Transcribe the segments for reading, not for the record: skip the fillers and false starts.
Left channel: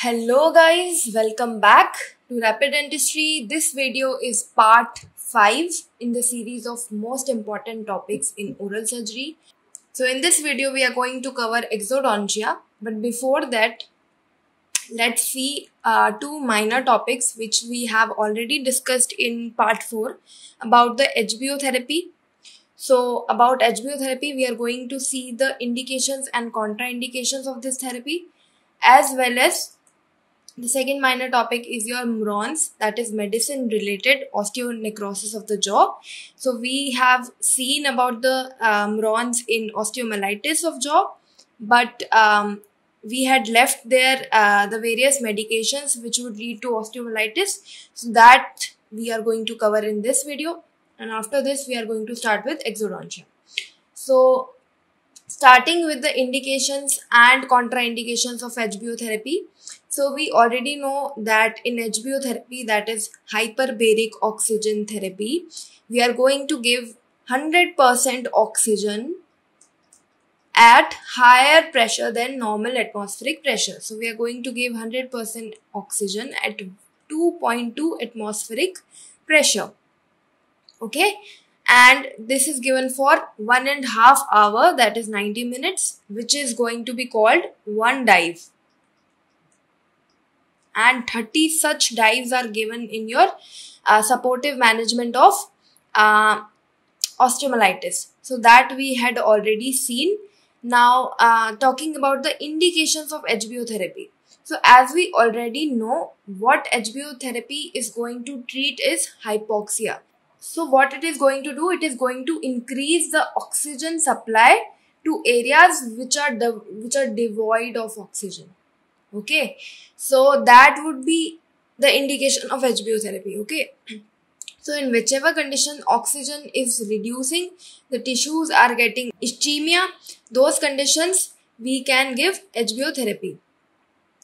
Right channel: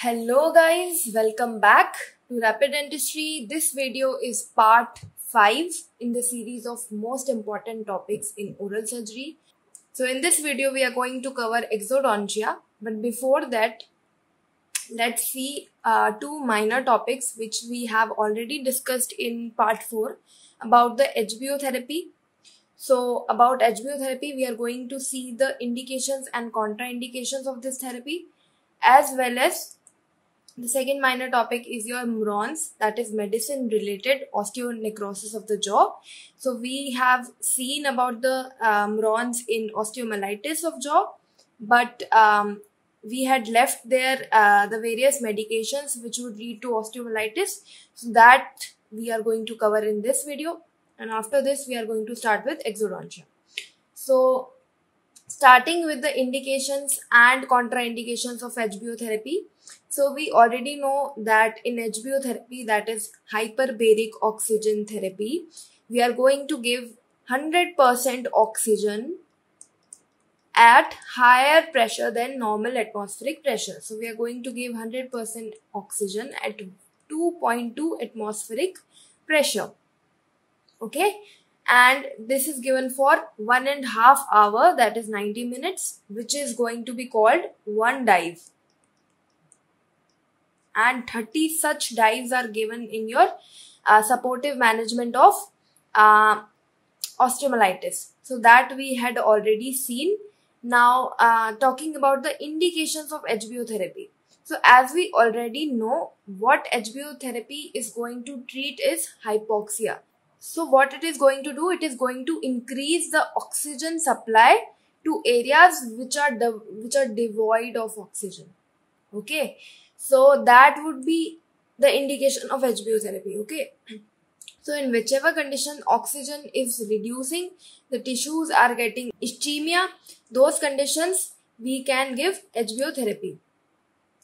Hello guys, welcome back to Rapid Dentistry. This video is part 5 in the series of most important topics in oral surgery. So in this video we are going to cover exodontia, but before that let's see two minor topics which we have already discussed in part 4 about the HBO therapy. So about HBO therapy we are going to see the indications and contraindications of this therapy, as well as the second minor topic is your MRONs, that is medicine related osteonecrosis of the jaw. So we have seen about the MRONs in osteomyelitis of jaw, but we had left there the various medications which would lead to osteomyelitis. So that we are going to cover in this video, and after this we are going to start with exodontia. So starting with the indications and contraindications of HBO therapy. So we already know that in HBO therapy, that is hyperbaric oxygen therapy, we are going to give 100% oxygen at higher pressure than normal atmospheric pressure. So we are going to give 100% oxygen at 2.2 atmospheric pressure. Okay. And this is given for 1.5 hours, that is 90 minutes, which is going to be called one dive. And 30 such dives are given in your supportive management of osteomyelitis. So that we had already seen. Now talking about the indications of HBO therapy. So as we already know, what HBO therapy is going to treat is hypoxia. So what it is going to do, it is going to increase the oxygen supply to areas which are devoid of oxygen. Okay, so that would be the indication of HBO therapy. Okay, so in whichever condition oxygen is reducing, the tissues are getting ischemia, those conditions we can give HBO therapy.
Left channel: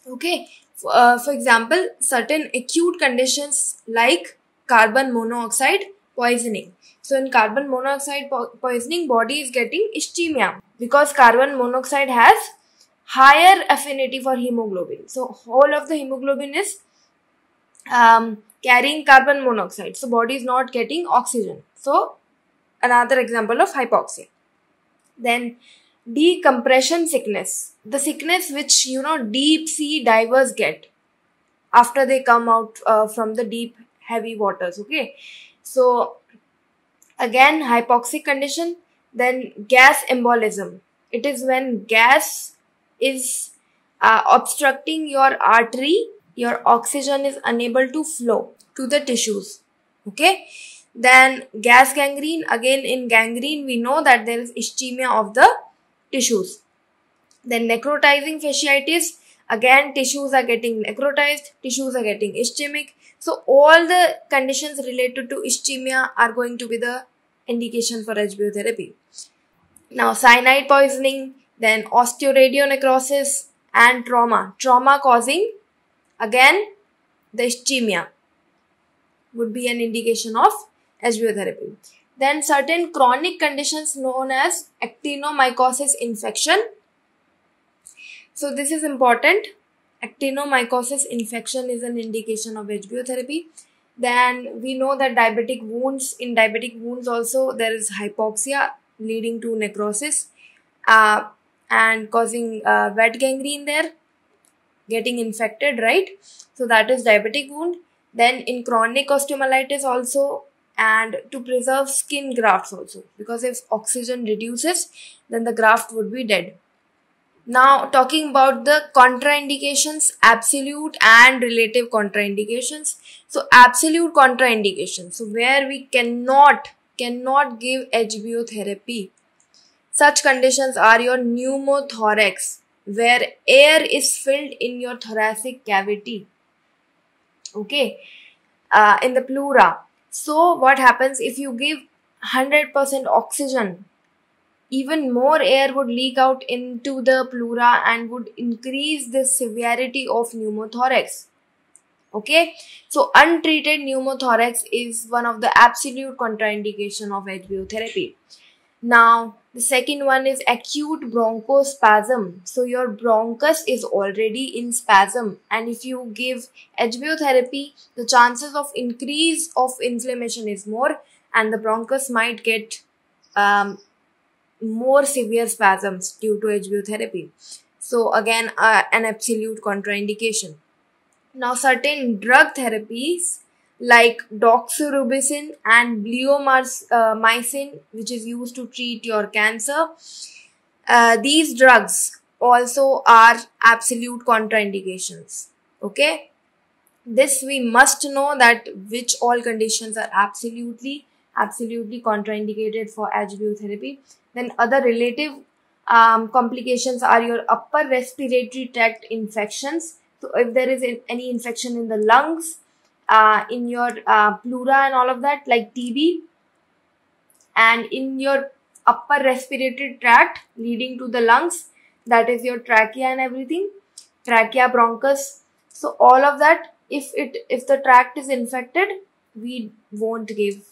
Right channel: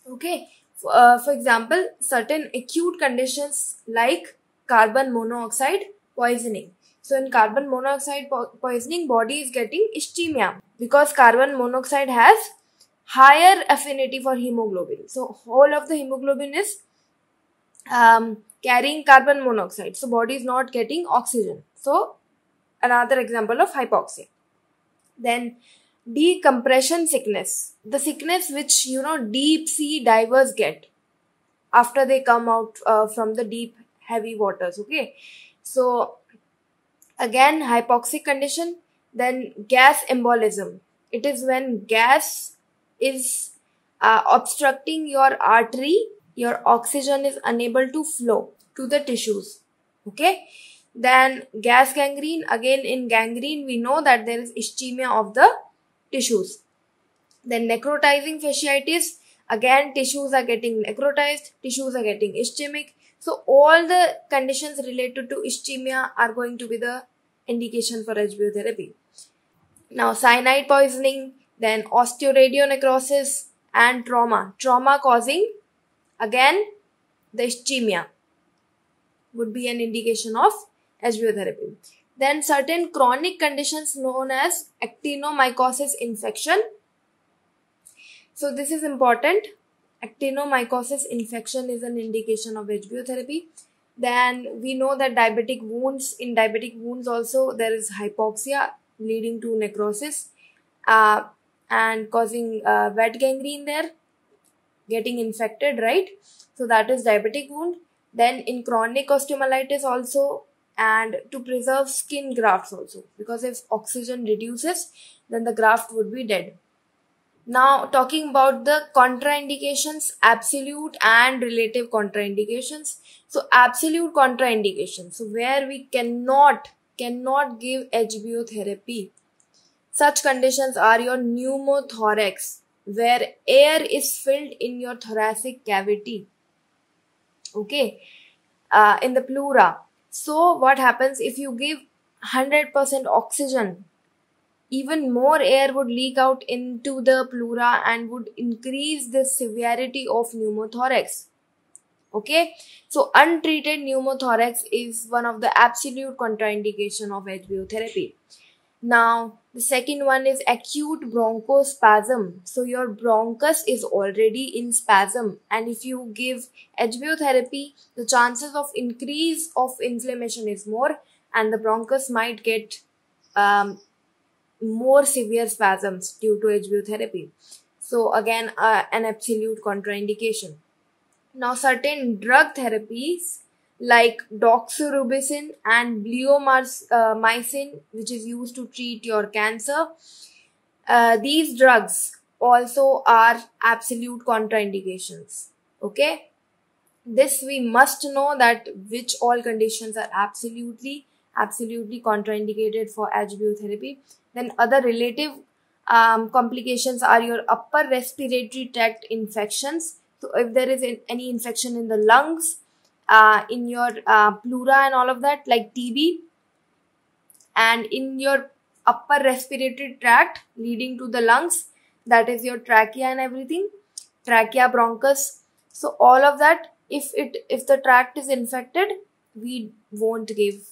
Okay, for example, certain acute conditions like carbon monoxide poisoning. So in carbon monoxide poisoning, body is getting ischemia because carbon monoxide has higher affinity for hemoglobin. So whole of the hemoglobin is carrying carbon monoxide. So body is not getting oxygen. So another example of hypoxia. Then decompression sickness. The sickness which deep sea divers get after they come out from the deep heavy waters. Okay. So again hypoxic condition. Then gas embolism. It is when gas is obstructing your artery, your oxygen is unable to flow to the tissues. Okay. Then gas gangrene. Again in gangrene we know that there is ischemia of the tissues. Then necrotizing fasciitis. Again tissues are getting necrotized, tissues are getting ischemic. So all the conditions related to ischemia are going to be the indication for HBO therapy. Now cyanide poisoning, then osteoradionecrosis and trauma. Trauma causing again the ischemia would be an indication of HBO therapy. Then certain chronic conditions known as actinomycosis infection. So this is important. Actinomycosis infection is an indication of HBO therapy. Then we know that diabetic wounds, in diabetic wounds also there is hypoxia leading to necrosis and causing wet gangrene there, getting infected, right? So that is diabetic wound. Then in chronic osteomyelitis also, and to preserve skin grafts also, because if oxygen reduces then the graft would be dead. Now talking about the contraindications, absolute and relative contraindications. So absolute contraindications, so where we cannot give HBO therapy. Such conditions are your pneumothorax, where air is filled in your thoracic cavity. Okay, in the pleura. So what happens if you give 100% oxygen? Even more air would leak out into the pleura and would increase the severity of pneumothorax. Okay, so untreated pneumothorax is one of the absolute contraindication of HBO therapy. Now, the second one is acute bronchospasm. So your bronchus is already in spasm, and if you give HBO therapy, the chances of increase of inflammation is more, and the bronchus might get more severe spasms due to HBO therapy. So again, an absolute contraindication. Now, certain drug therapies like doxorubicin and bleomycin, which is used to treat your cancer, these drugs also are absolute contraindications. Okay, this we must know that which all conditions are absolutely contraindicated for HBO therapy. Then other relative complications are your upper respiratory tract infections. So if there is any infection in the lungs, in your pleura and all of that, like TB, and in your upper respiratory tract leading to the lungs, that is your trachea and everything, trachea, bronchus. So all of that, if the tract is infected, we won't give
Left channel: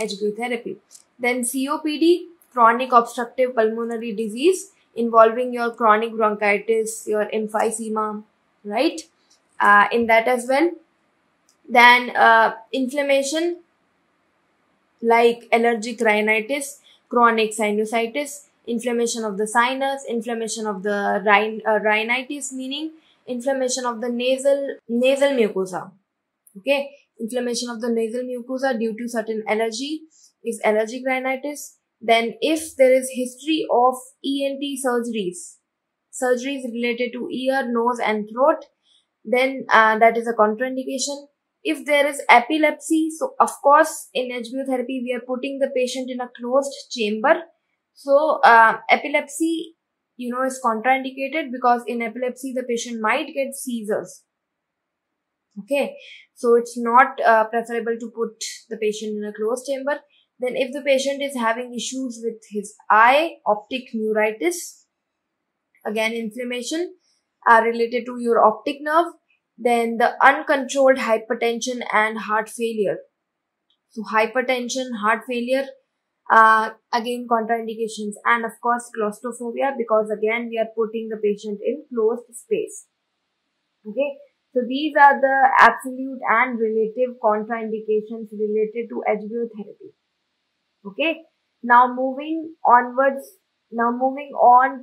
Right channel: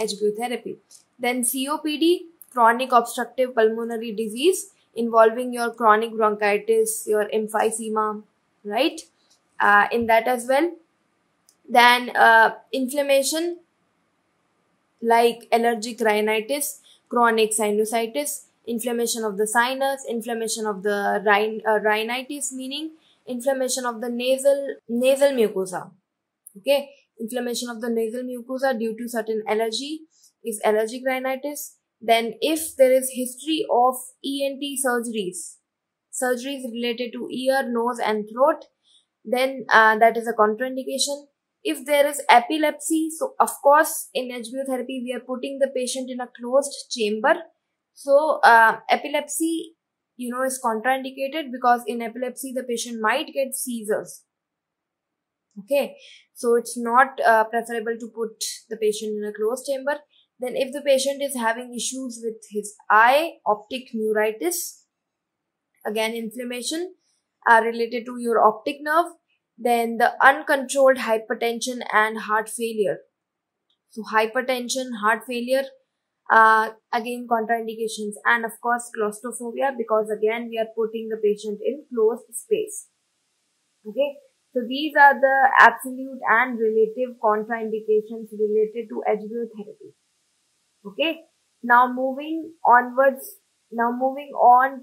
HBO therapy. Then COPD, chronic obstructive pulmonary disease involving your chronic bronchitis, your emphysema, right? In that as well. Then inflammation like allergic rhinitis, chronic sinusitis, inflammation of the sinus, inflammation of the rhinitis, meaning inflammation of the nasal mucosa. Okay, inflammation of the nasal mucosa due to certain allergy is allergic rhinitis. Then if there is history of ENT surgeries related to ear, nose and throat, then that is a contraindication. If there is epilepsy, so of course in HBO therapy we are putting the patient in a closed chamber. So epilepsy, is contraindicated because in epilepsy the patient might get seizures. Okay, so it's not preferable to put the patient in a closed chamber. Then if the patient is having issues with his eye, optic neuritis, again inflammation related to your optic nerve. Then the uncontrolled hypertension and heart failure. So hypertension, heart failure, again contraindications, and of course claustrophobia, because again we are putting the patient in closed space. Okay, so these are the absolute and relative contraindications related to HBO therapy. Okay, now moving on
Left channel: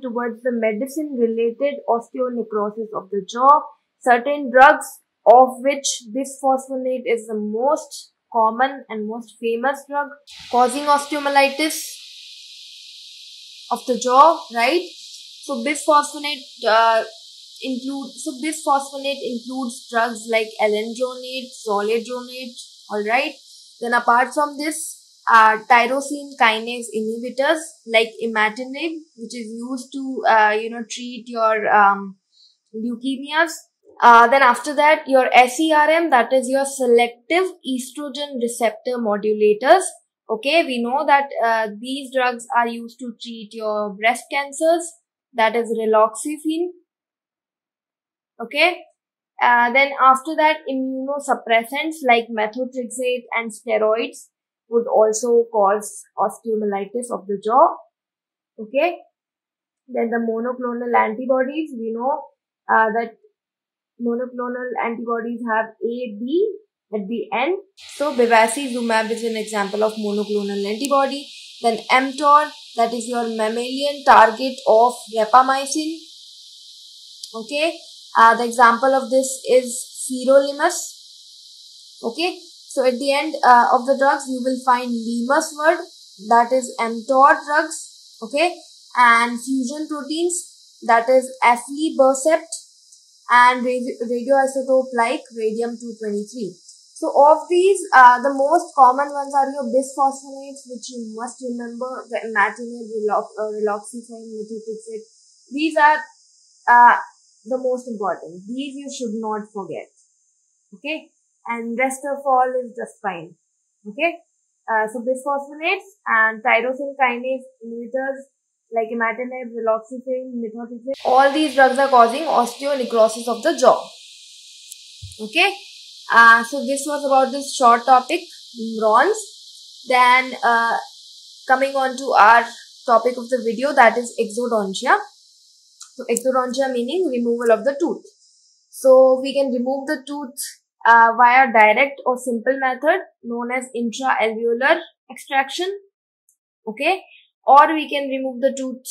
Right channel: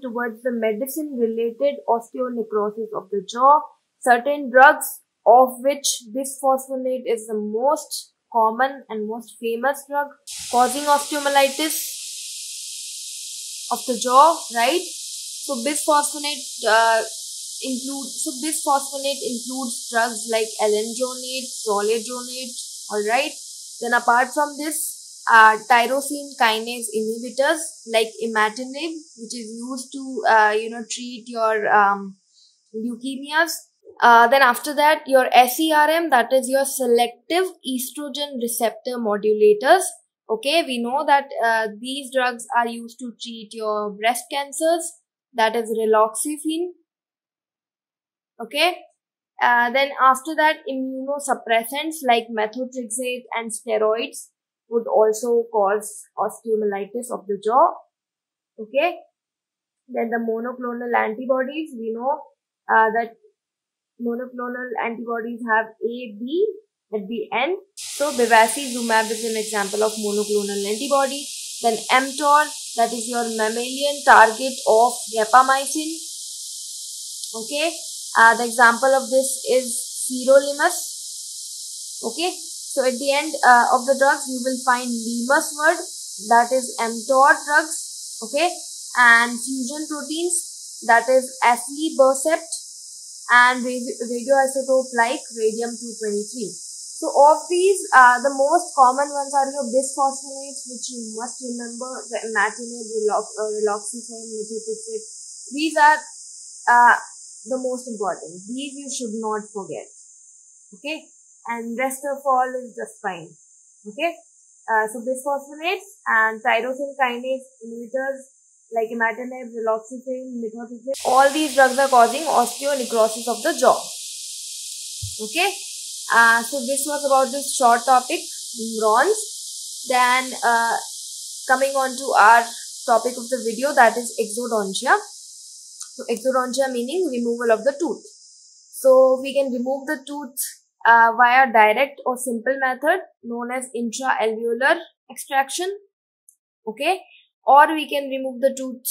towards the medicine related osteonecrosis of the jaw. Certain drugs, of which bisphosphonate is the most common and most famous drug causing osteomyelitis of the jaw, right? So bisphosphonate includes drugs like alendronate, zoledronate, alright. Then apart from this, tyrosine kinase inhibitors like imatinib, which is used to treat your leukemias. Then after that, your SERM, that is your selective estrogen receptor modulators. Okay, we know that these drugs are used to treat your breast cancers, that is raloxifene. Okay, then after that, immunosuppressants like methotrexate and steroids would also cause osteomyelitis of the jaw. Okay, then the monoclonal antibodies, we know that monoclonal antibodies have A, B at the end. So bevacizumab is an example of monoclonal antibody. Then mTOR, that is your mammalian target of rapamycin. Okay, the example of this is sirolimus. Okay, so at the end of the drugs you will find limus word, that is mTOR drugs. Okay, and fusion proteins, that is aflibercept, and radioisotope like radium-223. So of these, the most common ones are your bisphosphonates, which you must remember, imatinib, raloxifene, methotrexate. These are the most important. These you should not forget. Okay, and rest of all is just fine. Okay, so bisphosphonates and tyrosine kinase inhibitors like imatinib, raloxifene, methotrexate, all these drugs are causing osteonecrosis of the jaw. Okay, so this was about this short topic, neurons. Then coming on to our topic of the video, that is exodontia. So exodontia meaning removal of the tooth. So we can remove the tooth via direct or simple method known as intra-alveolar extraction. Okay, or we can remove the tooth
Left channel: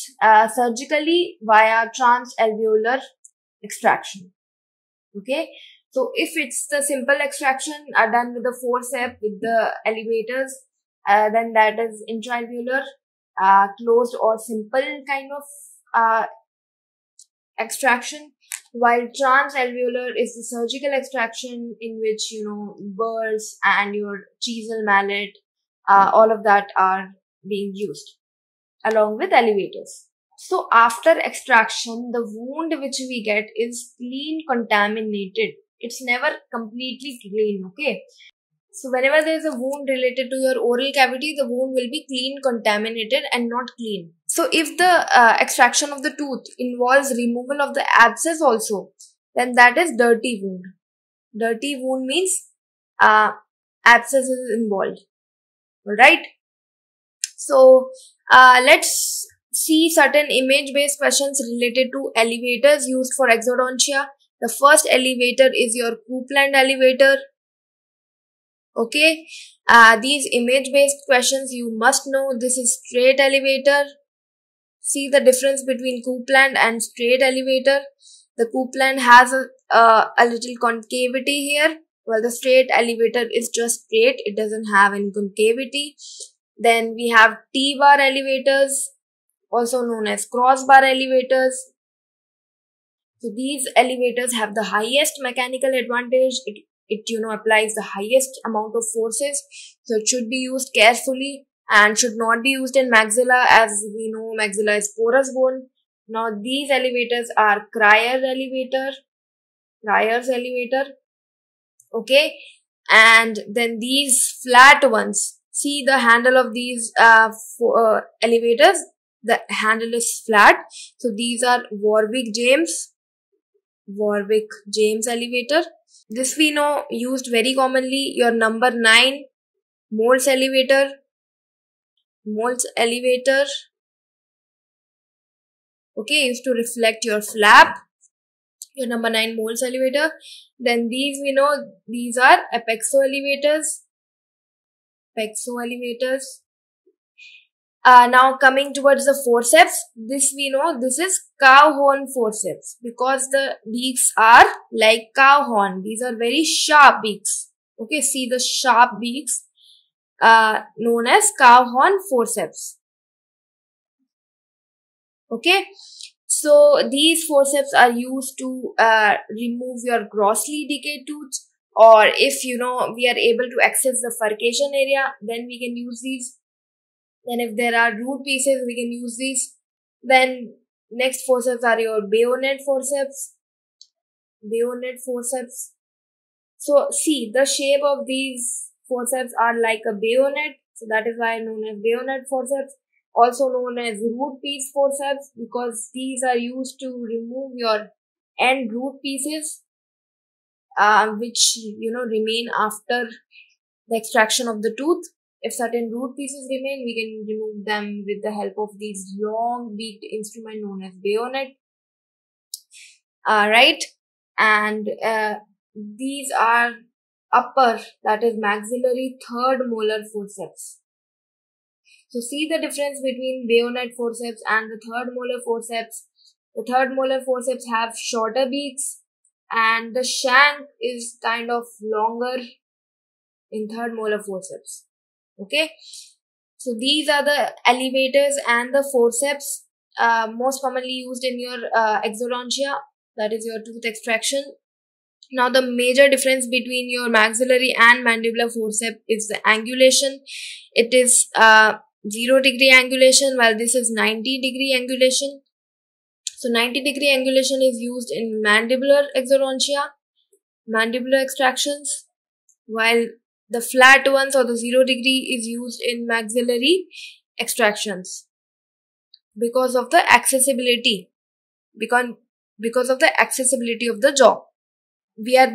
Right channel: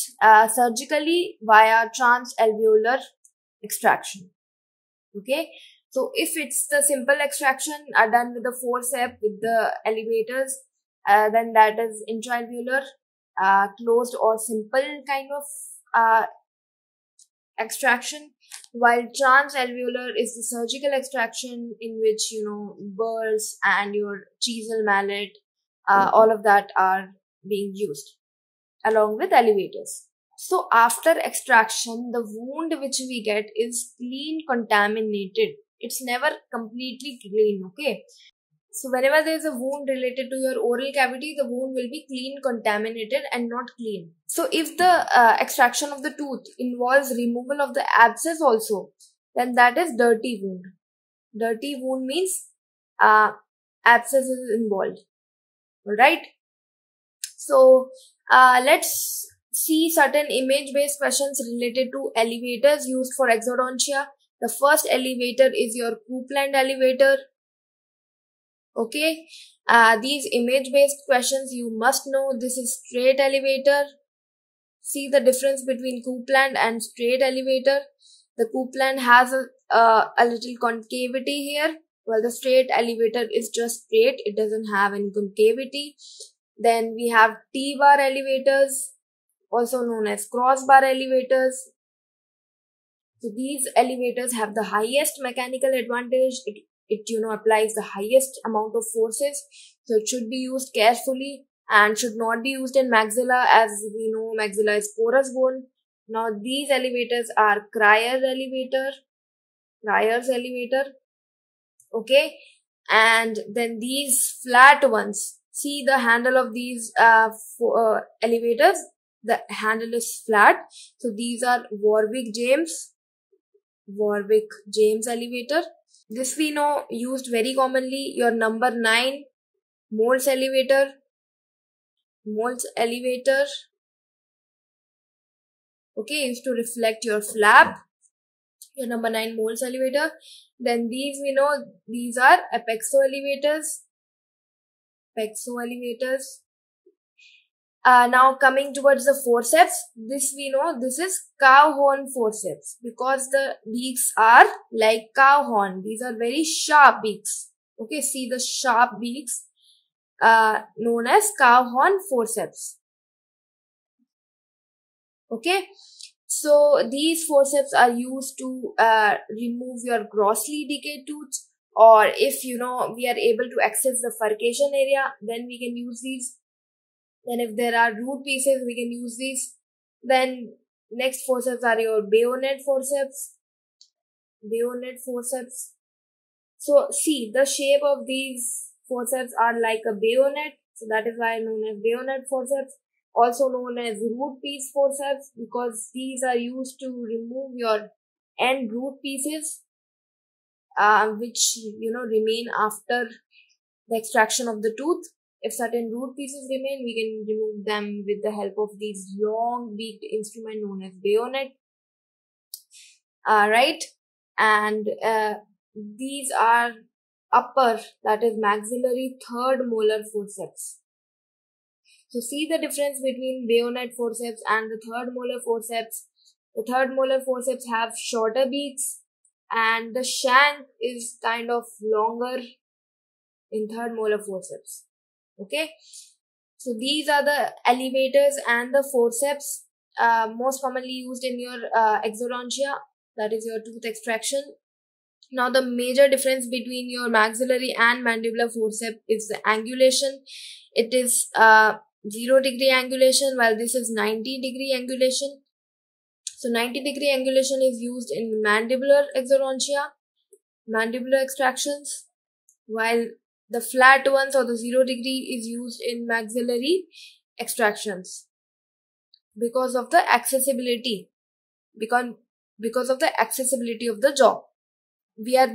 surgically via transalveolar extraction. Okay, so if it's the simple extraction done with the forceps with the elevators, then that is intra-alveolar, closed or simple kind of extraction, while transalveolar is the surgical extraction in which, you know, burrs and your chisel mallet, all of that are being used along with elevators. So after extraction, the wound which we get is clean contaminated. It's never completely clean, okay? So whenever there is a wound related to your oral cavity, the wound will be clean contaminated and not clean. So if the extraction of the tooth involves removal of the abscess also, then that is dirty wound. Dirty wound means abscess is involved. Alright. So let's see certain image-based questions related to elevators used for exodontia. The first elevator is your Coupland elevator. Okay, these image-based questions you must know. This is straight elevator. See the difference between Coupland and straight elevator. The Coupland has a little concavity here, while the straight elevator is just straight. It doesn't have any concavity. Then we have T-bar elevators, also known as crossbar elevators. So these elevators have the highest mechanical advantage. It applies the highest amount of forces, so it should be used carefully and should not be used in maxilla, as we know maxilla is porous bone. Now these elevators are Crier's elevator. Okay, and then these flat ones, see the handle of these elevators, the handle is flat. So these are Warwick James elevator. This we know used very commonly. Your number 9 Moulds elevator. Okay, used to reflect your flap. Your number 9 Moulds elevator. Then these we know, these are Apexo elevators. Now coming towards the forceps, this we know, this is cow horn forceps, because the beaks are like cow horn. These are very sharp beaks. Okay, see the sharp beaks, known as cow horn forceps. Okay, so these forceps are used to remove your grossly decayed tooth, or if we are able to access the furcation area, then we can use these. Then if there are root pieces, we can use these. Then next forceps are your bayonet forceps. So see, the shape of these forceps are like a bayonet. So that is why known as bayonet forceps. Also known as root piece forceps, because these are used to remove your end root pieces, which remain after the extraction of the tooth. If certain root pieces remain, we can remove them with the help of these long beaked instrument known as bayonet. Right, and these are upper, that is maxillary third molar forceps. So see the difference between bayonet forceps and the third molar forceps. The third molar forceps have shorter beaks and the shank is kind of longer in third molar forceps. Okay, so these are the elevators and the forceps most commonly used in your exodontia, that is your tooth extraction. Now the major difference between your maxillary and mandibular forceps is the angulation. It is 0-degree angulation, while this is 90-degree angulation. So 90-degree angulation is used in mandibular exodontia, mandibular extractions, while the flat ones or the 0-degree is used in maxillary extractions because of the accessibility. Because of the accessibility of the jaw, we are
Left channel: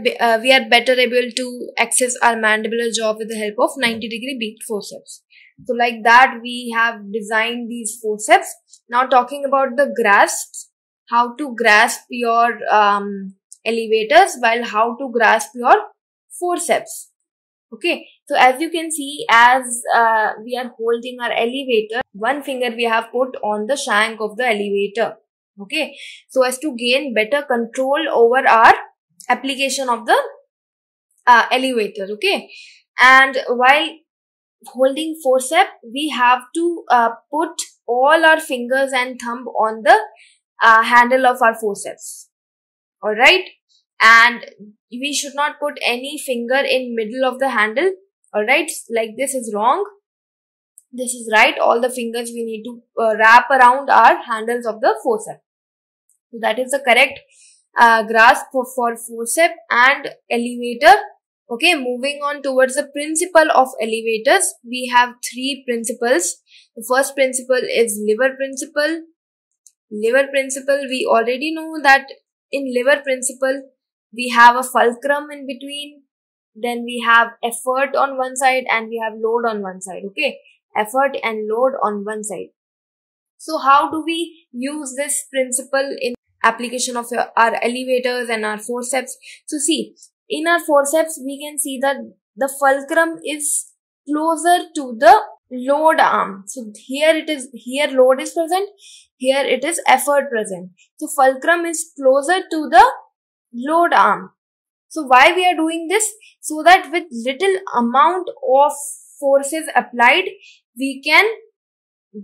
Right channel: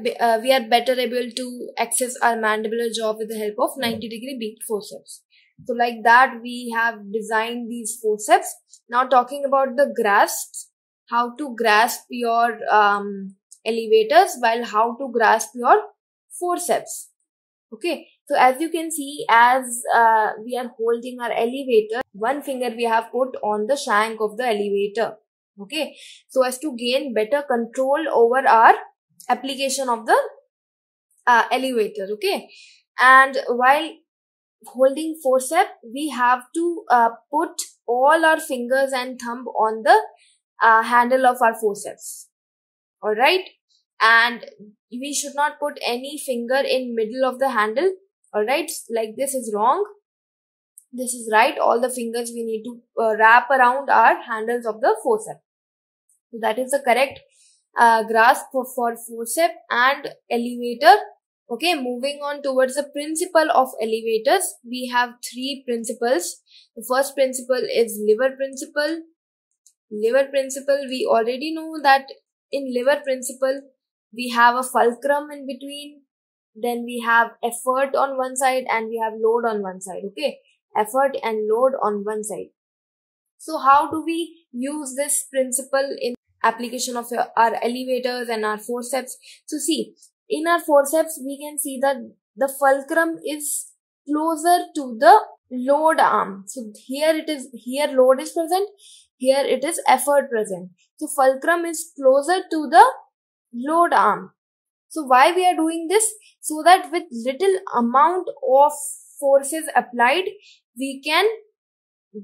better able to access our mandibular jaw with the help of 90-degree beaked forceps. So like that we have designed these forceps. Now talking about the grasps, how to grasp your elevators while how to grasp your forceps. Okay, so as you can see, as we are holding our elevator, one finger we have put on the shank of the elevator. Okay, so as to gain better control over our application of the elevator. Okay, and while holding forceps, we have to put all our fingers and thumb on the handle of our forceps. All right, and we should not put any finger in middle of the handle. All right, like this is wrong. This is right. All the fingers we need to wrap around our handles of the forceps. So that is the correct grasp for forceps and elevator. Okay, moving on towards the principle of elevators, we have three principles. The first principle is lever principle. Lever principle, we already know that in lever principle, we have a fulcrum in between. Then we have effort on one side and we have load on one side. Okay, effort and load on one side. So how do we use this principle in application of our elevators and our forceps? So see, in our forceps, we can see that the fulcrum is closer to the load arm. So here it is, here load is present, here it is effort present. So fulcrum is closer to the load arm. So why we are doing this? So that with little amount of forces applied, we can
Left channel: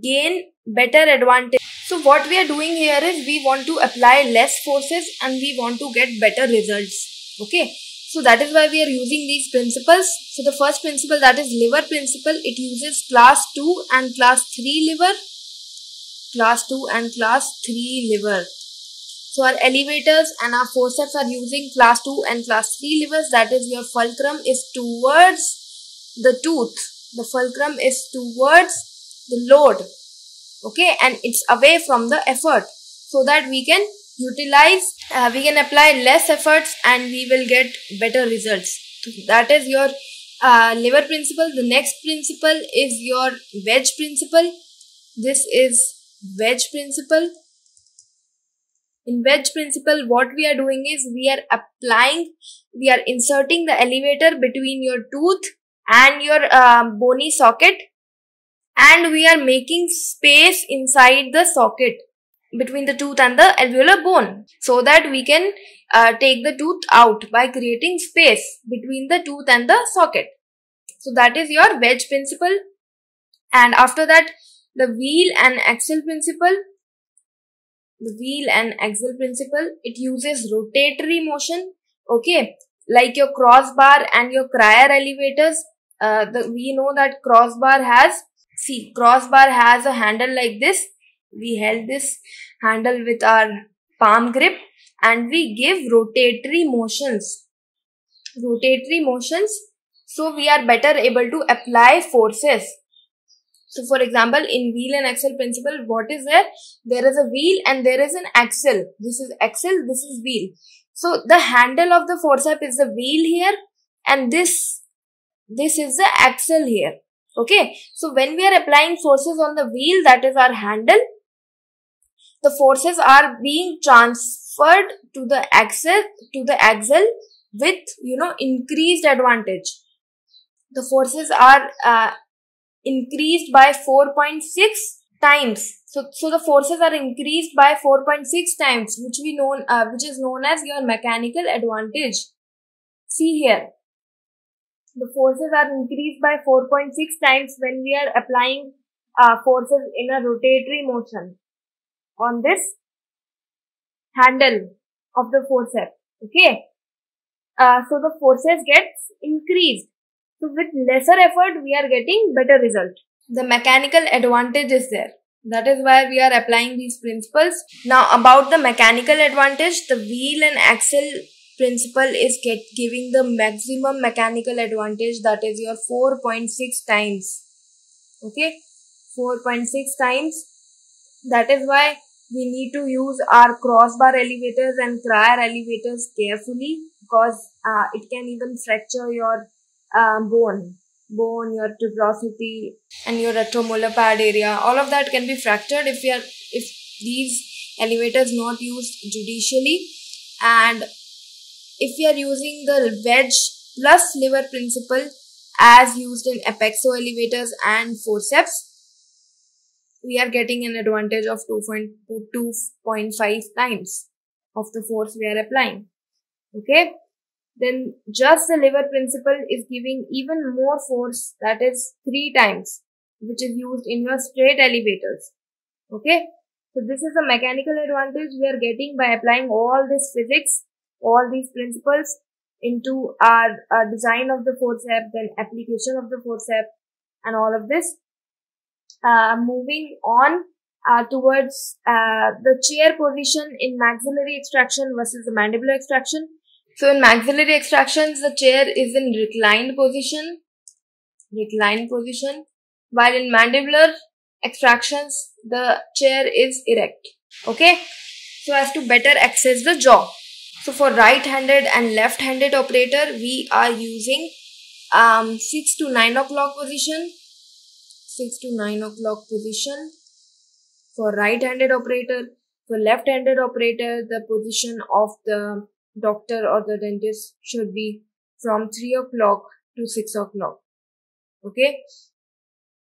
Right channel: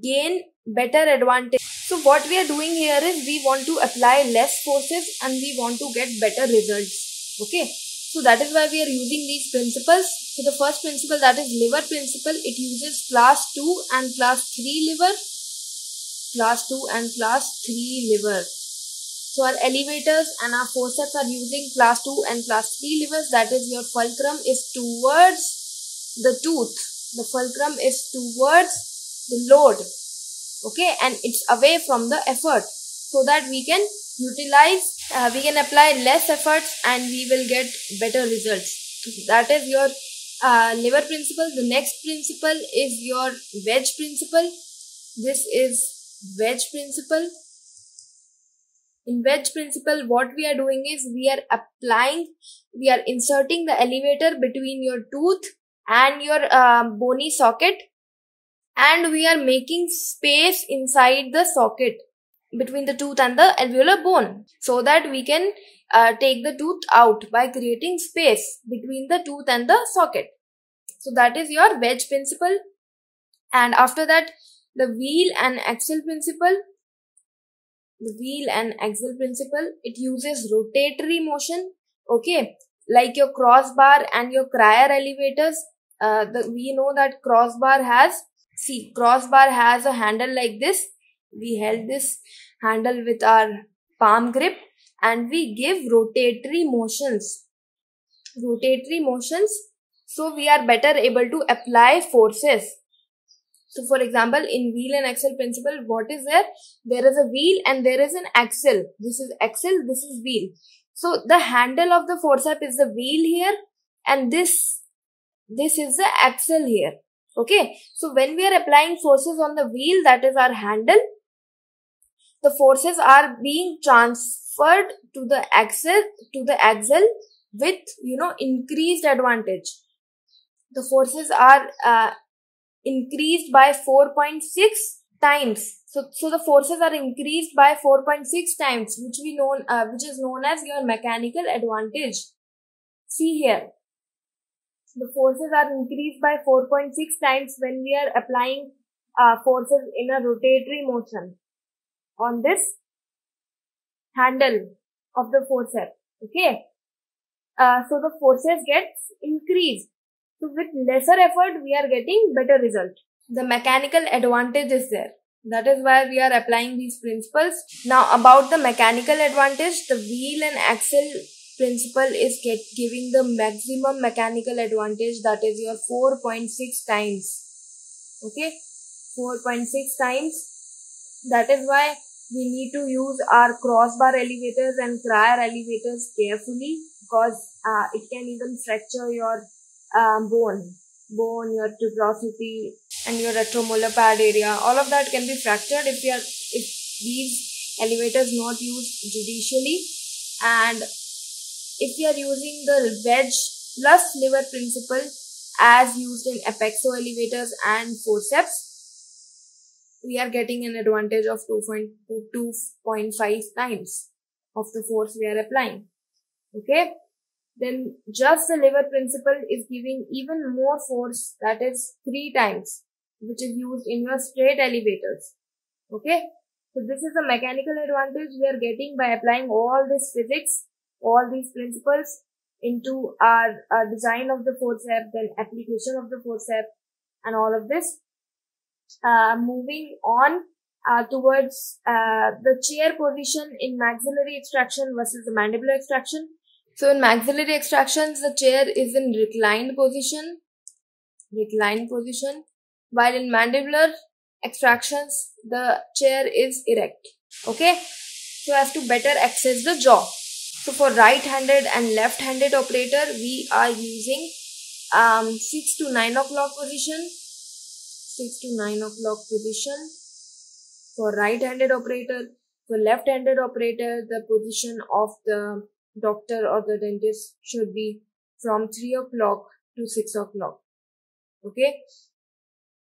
gain better advantage. So what we are doing here is we want to apply less forces and we want to get better results. Okay, so that is why we are using these principles. So the first principle, that is lever principle, it uses class 2 and class 3 lever. Class 2 and class 3 lever. So our elevators and our forceps are using class 2 and class 3 levers. That is, your fulcrum is towards the tooth. The fulcrum is towards the load. Okay, and it's away from the effort, so that we can utilize, we can apply less efforts and we will get better results. So that is your lever principle. The next principle is your wedge principle. This is wedge principle. In wedge principle, what we are doing is we are inserting the elevator between your tooth and your bony socket, and we are making space inside the socket between the tooth and the alveolar bone, so that we can take the tooth out by creating space between the tooth and the socket. So that is your wedge principle. And after that, the wheel and axle principle. The wheel and axle principle, it uses rotatory motion. Okay, like your crossbar and your crier elevators. We know that crossbar has a handle like this. We held this handle with our palm grip and we give rotatory motions. So we are better able to apply forces. So for example, in wheel and axle principle, what is there? There is a wheel and there is an axle. This is axle, this is wheel. So the handle of the forceps is the wheel here, and this is the axle here. Okay, so when we are applying forces on the wheel, that is our handle, the forces are being transferred to the axle with, increased advantage. The forces are increased by 4.6 times. So the forces are increased by 4.6 times, which is known as your mechanical advantage. See here, the forces are increased by 4.6 times when we are applying forces in a rotatory motion on this handle of the forceps. Okay, so the forces gets increased. So with lesser effort, we are getting better result. The mechanical advantage is there. That is why we are applying these principles. Now about the mechanical advantage, the wheel and axle principle is giving the maximum mechanical advantage, that is your 4.6 times. Okay, 4.6 times. That is why we need to use our crossbar elevators and crier elevators carefully, because it can even fracture your bone. bone, your tuberosity, and your retromolar pad area. All of that can be fractured if these elevators not used judicially, and if we are using the wedge plus lever principle as used in apexo elevators and forceps, we are getting an advantage of 2.5 times of the force we are applying. Okay, then just the lever principle is giving even more force, that is 3 times, which is used in your straight elevators. Okay, so this is a mechanical advantage we are getting by applying all this physics, all these principles into our design of the forcep, then application of the forcep, and all of this. Moving on towards the chair position in maxillary extraction versus the mandibular extraction. So in maxillary extractions, the chair is in reclined position, while in mandibular extractions, the chair is erect. Okay, so as to better access the jaw. So for right-handed and left-handed operator, we are using 6 to 9 o'clock position. 6 to 9 o'clock position for right-handed operator. For left-handed operator, the position of the doctor or the dentist should be from 3 o'clock to 6 o'clock. Okay.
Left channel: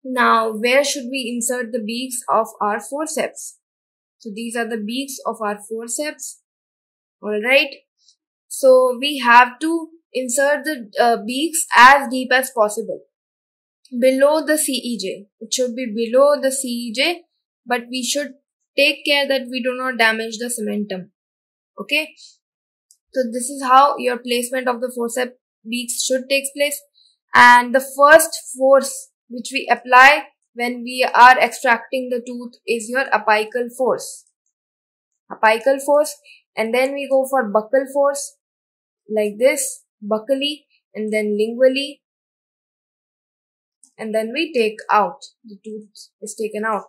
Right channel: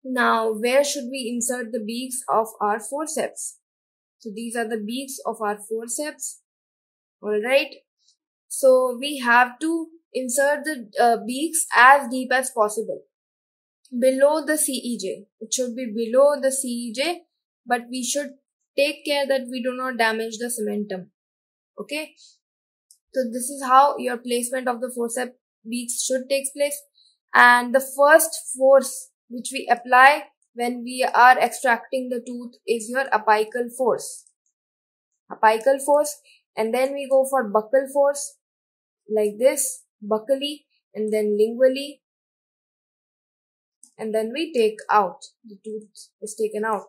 Now, where should we insert the beaks of our forceps? So these are the beaks of our forceps. Alright. So we have to insert the beaks as deep as possible, below the CEJ. It should be below the CEJ, but we should take care that we do not damage the cementum. Okay. So this is how your placement of the forceps beaks should take place. And the first force which we apply when we are extracting the tooth is your apical force. Apical force. And then we go for buccal force, like this, buccally, and then lingually. And then we take out, the tooth is taken out.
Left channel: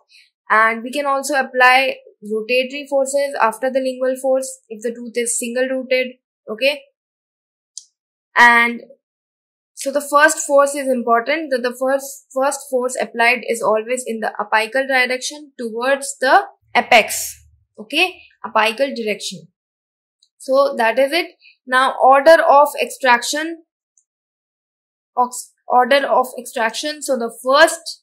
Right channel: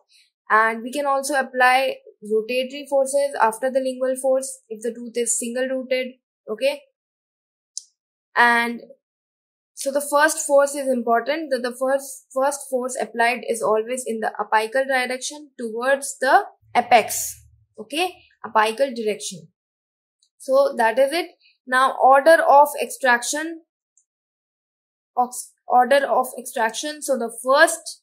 And we can also apply rotatory forces after the lingual force if the tooth is single rooted. Okay. And so the first force is important, that the first force applied is always in the apical direction towards the apex. Okay, apical direction. So that is it. Now order of extraction. So the first,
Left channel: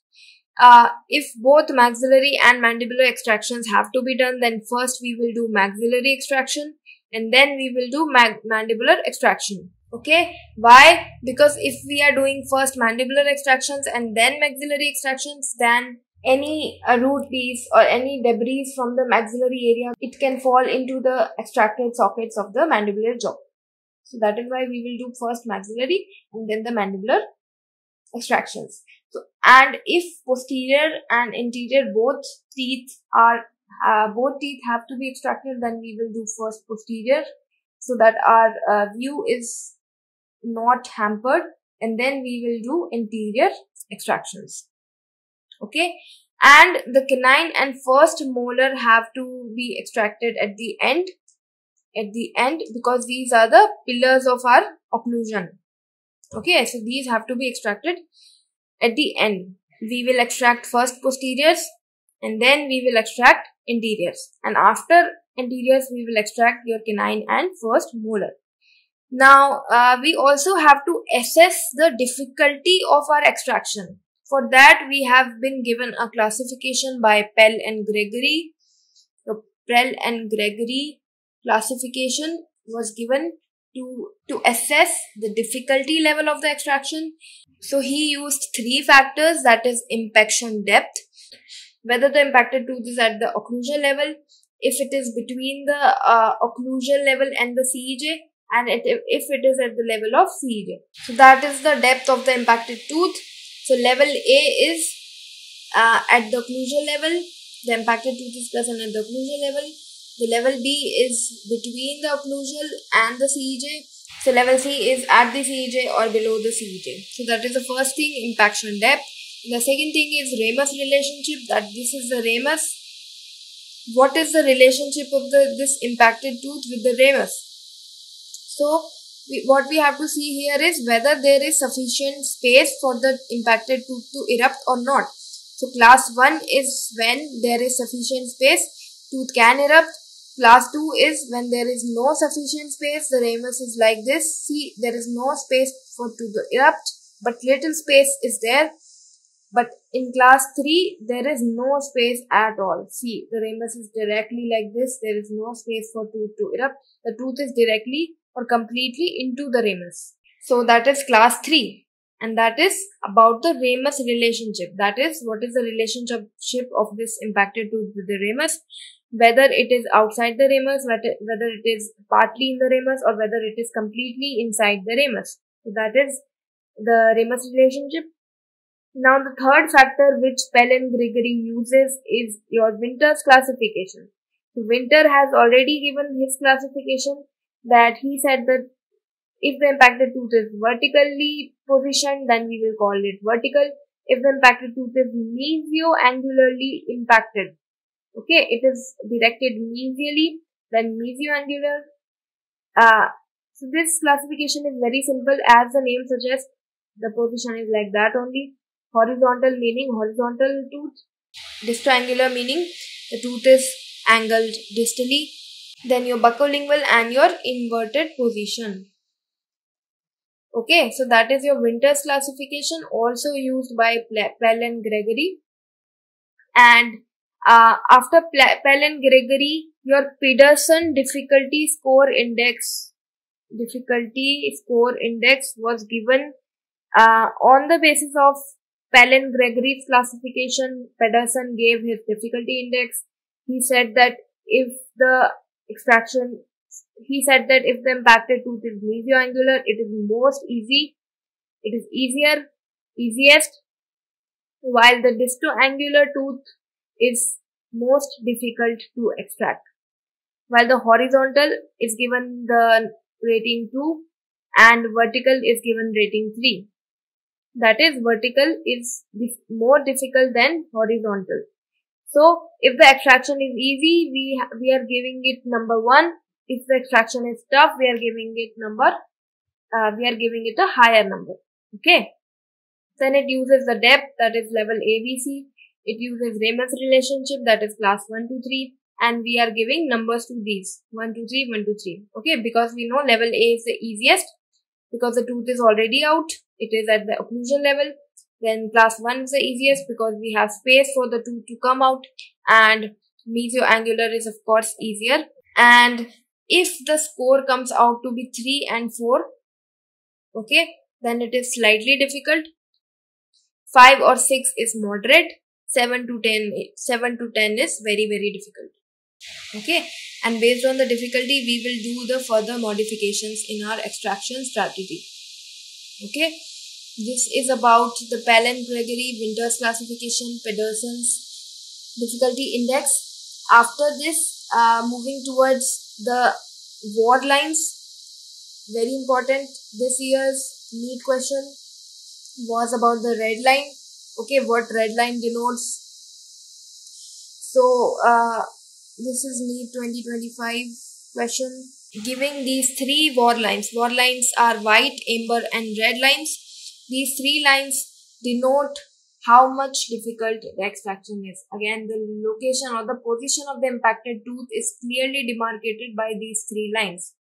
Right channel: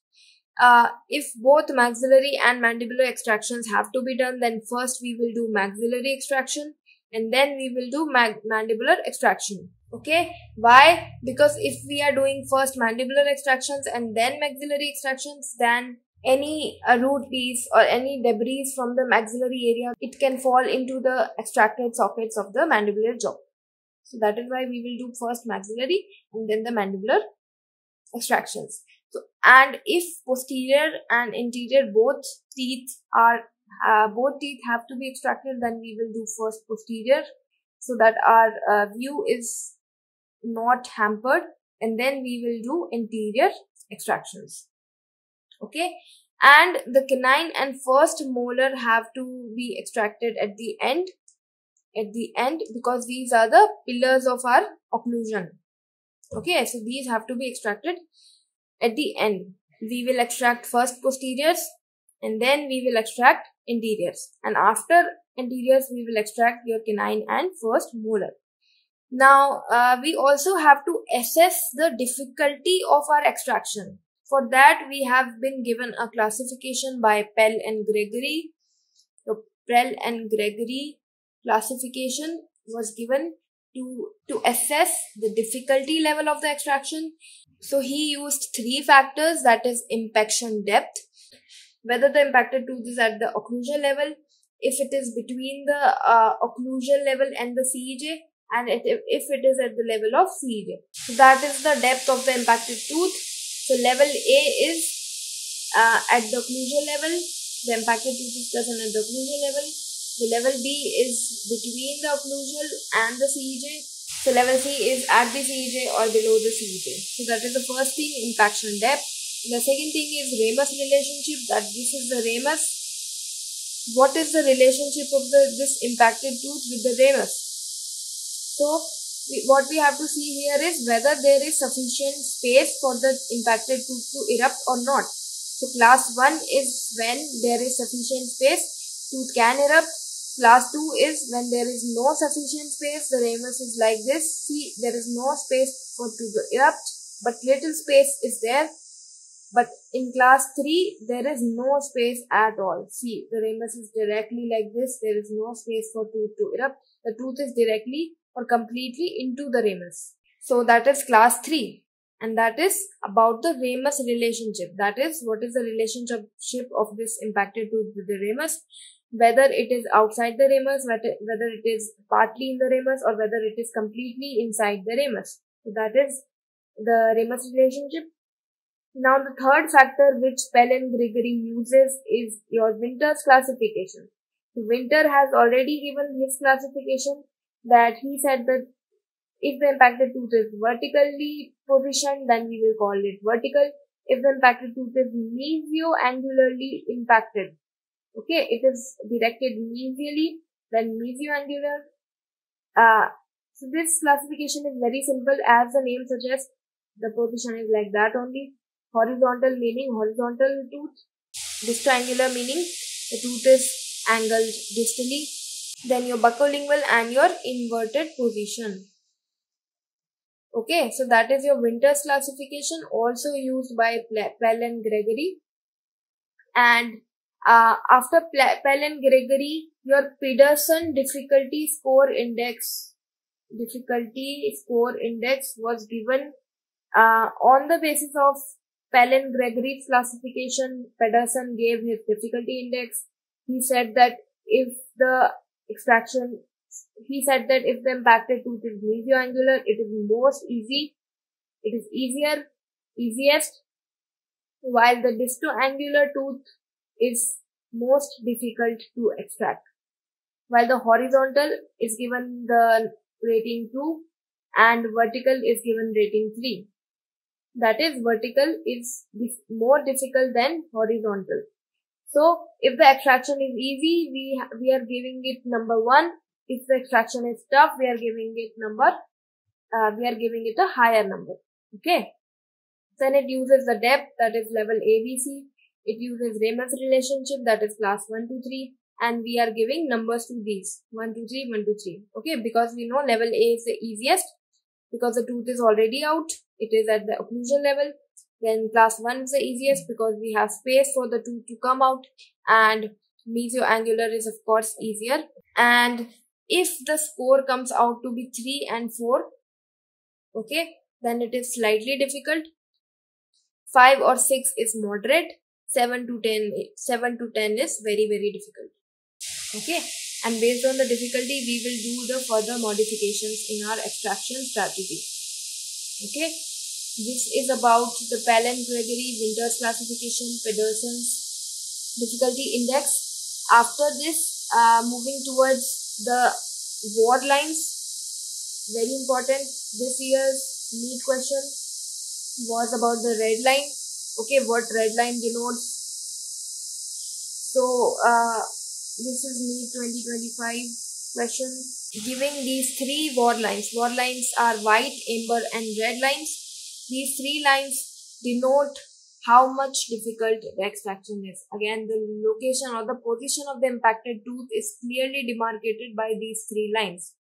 if both maxillary and mandibular extractions have to be done, then first we will do maxillary extraction and then we will do mandibular extraction. Okay, why? Because if we are doing first mandibular extractions and then maxillary extractions, then any root piece or any debris from the maxillary area, it can fall into the extracted sockets of the mandibular jaw. So that is why we will do first maxillary and then the mandibular extractions. So, and if posterior and interior both teeth have to be extracted, then we will do first posterior so that our view is not hampered, and then we will do interior extractions. Okay, and the canine and first molar have to be extracted at the end, because these are the pillars of our occlusion. Okay, so these have to be extracted at the end. We will extract first posteriors and then we will extract interiors, and after interiors we will extract your canine and first molar. Now we also have to assess the difficulty of our extraction. For that we have been given a classification by Pell and Gregory. The Pell and Gregory classification was given to assess the difficulty level of the extraction. So he used 3 factors, that is impaction depth, whether the impacted tooth is at the occlusal level, if it is between the occlusal level and the CEJ, and if it is at the level of CEJ. So that is the depth of the impacted tooth. So level A is at the occlusal level, the impacted tooth is present at the occlusal level. The level B is between the occlusal and the CEJ. So level C is at the CEJ or below the CEJ. So that is the first thing, impaction depth. The second thing is ramus relationship, that this is the ramus. What is the relationship of this impacted tooth with the ramus? So what we have to see here is whether there is sufficient space for the impacted tooth to erupt or not. So class 1 is when there is sufficient space, tooth can erupt. Class 2 is when there is no sufficient space, the ramus is like this. See, there is no space for tooth to erupt, but little space is there. But in class 3, there is no space at all. See, the ramus is directly like this. There is no space for tooth to erupt. The tooth is directly or completely into the ramus. So that is class 3. And that is about the ramus relationship. That is, what is the relationship of this impacted tooth with the ramus? Whether it is outside the ramus, whether it is partly in the ramus, or whether it is completely inside the ramus. So that is the ramus relationship. Now the third factor which Pell and Gregory uses is your Winter's classification. So Winter has already given his classification, that he said that if the impacted tooth is vertically positioned, then we will call it vertical. If the impacted tooth is mesioangularly impacted, okay, it is directed mesially, then mesioangular. So this classification is very simple, as the name suggests. The position is like that only. Horizontal meaning horizontal tooth. Distoangular meaning the tooth is angled distally. Then your buccolingual and your inverted position. Okay, so that is your Winter's classification, also used by Pell and Gregory. And after Pell and Gregory, your Pedersen difficulty score index was given on the basis of Pell and Gregory's classification. Pedersen gave his difficulty index. He said that if the impacted tooth is mesioangular, it is easiest, while the distoangular tooth is most difficult to extract. While the horizontal is given the rating 2 and vertical is given rating 3. That is, vertical is more difficult than horizontal. So if the extraction is easy, we are giving it number 1. If the extraction is tough, we are giving it a higher number. Okay. Then it uses the depth, that is level ABC. It uses ramus relationship, that is class 1 to 3. And we are giving numbers to these 1 2 3 1 2 3. Okay, because we know level A is the easiest because the tooth is already out. It is at the occlusion level. Then class 1 is the easiest because we have space for the tooth to come out, and mesioangular is of course easier. And if the score comes out to be 3 and 4, okay, then it is slightly difficult. 5 or 6 is moderate. 7 to 10 is very, very difficult. Okay, and based on the difficulty, we will do the further modifications in our extraction strategy. Okay, this is about the Pell and Gregory, Winter's classification, Pedersen's difficulty index. After this, moving towards the word lines, very important. This year's NEET question was about the red line. Okay, what red line denotes. So, this is NEET 2025 question. Giving these 3 word lines. Word lines are white, amber and red lines. These 3 lines denote how much difficult the extraction is. Again, the location or the position of the impacted tooth is clearly demarcated by these 3 lines.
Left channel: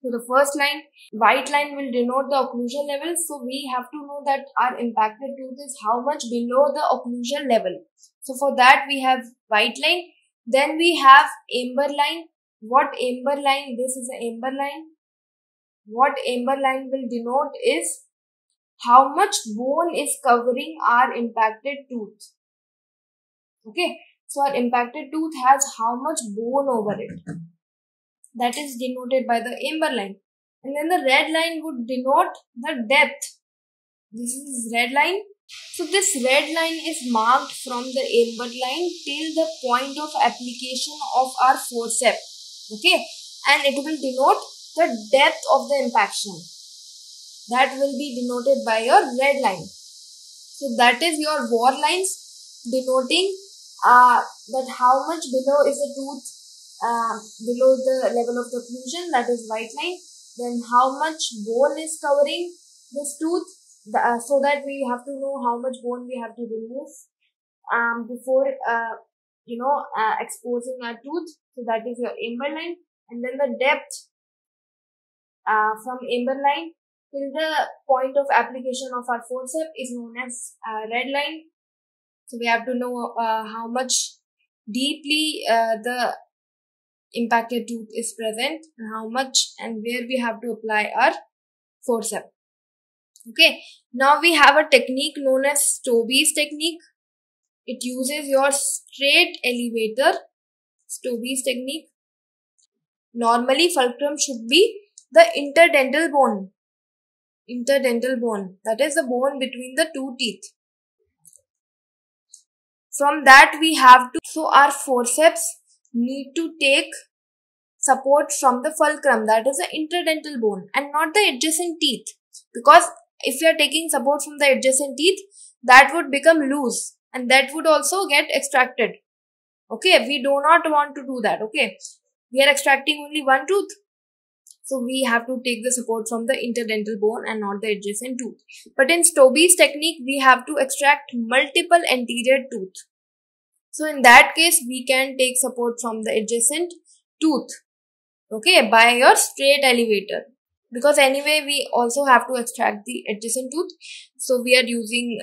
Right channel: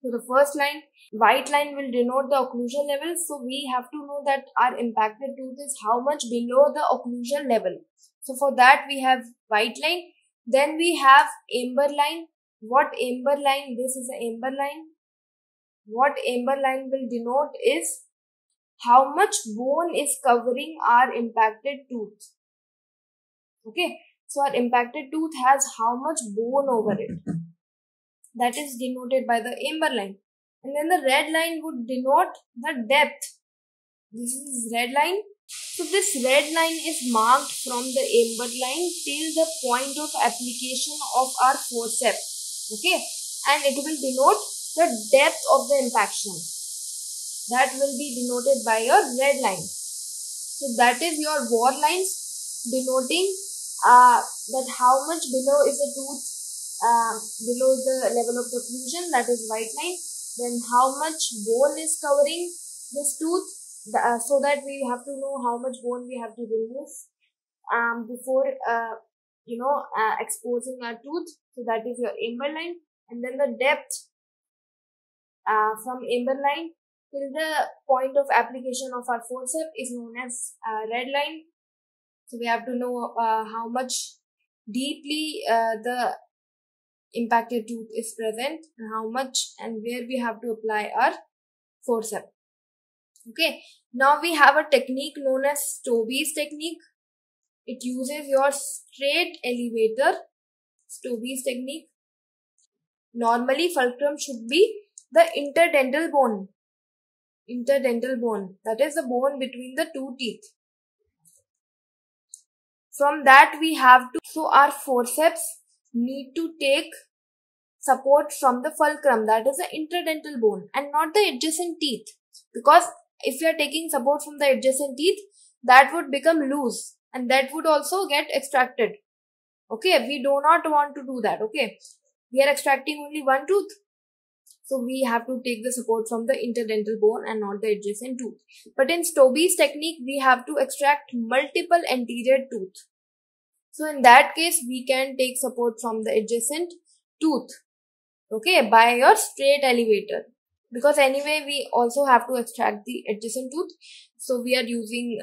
So the first line, white line, will denote the occlusion level. So we have to know that our impacted tooth is how much below the occlusion level. So for that we have white line. Then we have amber line. What amber line? This is an amber line. What amber line will denote is how much bone is covering our impacted tooth. Okay, so our impacted tooth has how much bone over it. That is denoted by the amber line. And then the red line would denote the depth. This is red line. So this red line is marked from the amber line till the point of application of our forceps. Okay, and it will denote the depth of the impaction. That will be denoted by your red line. So that is your word lines denoting that how much below is the tooth below the level of the occlusion, that is white line. then how much bone is covering this tooth, so that we have to know how much bone we have to remove before exposing our tooth. So that is your amber line, and then the depth from amber line till the point of application of our forceps is known as red line. So we have to know how much deeply the impacted tooth is present, and how much and where we have to apply our forceps. Okay, now we have a technique known as Stobbe's technique. It uses your straight elevator, Stobbe's technique. Normally, fulcrum should be the interdental bone. Interdental bone, that is the bone between the two teeth. From that we have to, so our forceps need to take support from the fulcrum, that is the interdental bone, and not the adjacent teeth. Because if you are taking support from the adjacent teeth, that would become loose and that would also get extracted. Okay, we do not want to do that. Okay, we are extracting only one tooth, so we have to take the support from the interdental bone and not the adjacent tooth. But in Stobbe's technique, we have to extract multiple anterior tooth. So in that case, we can take support from the adjacent tooth, okay, by your straight elevator. Because anyway, we also have to extract the adjacent tooth. So we are using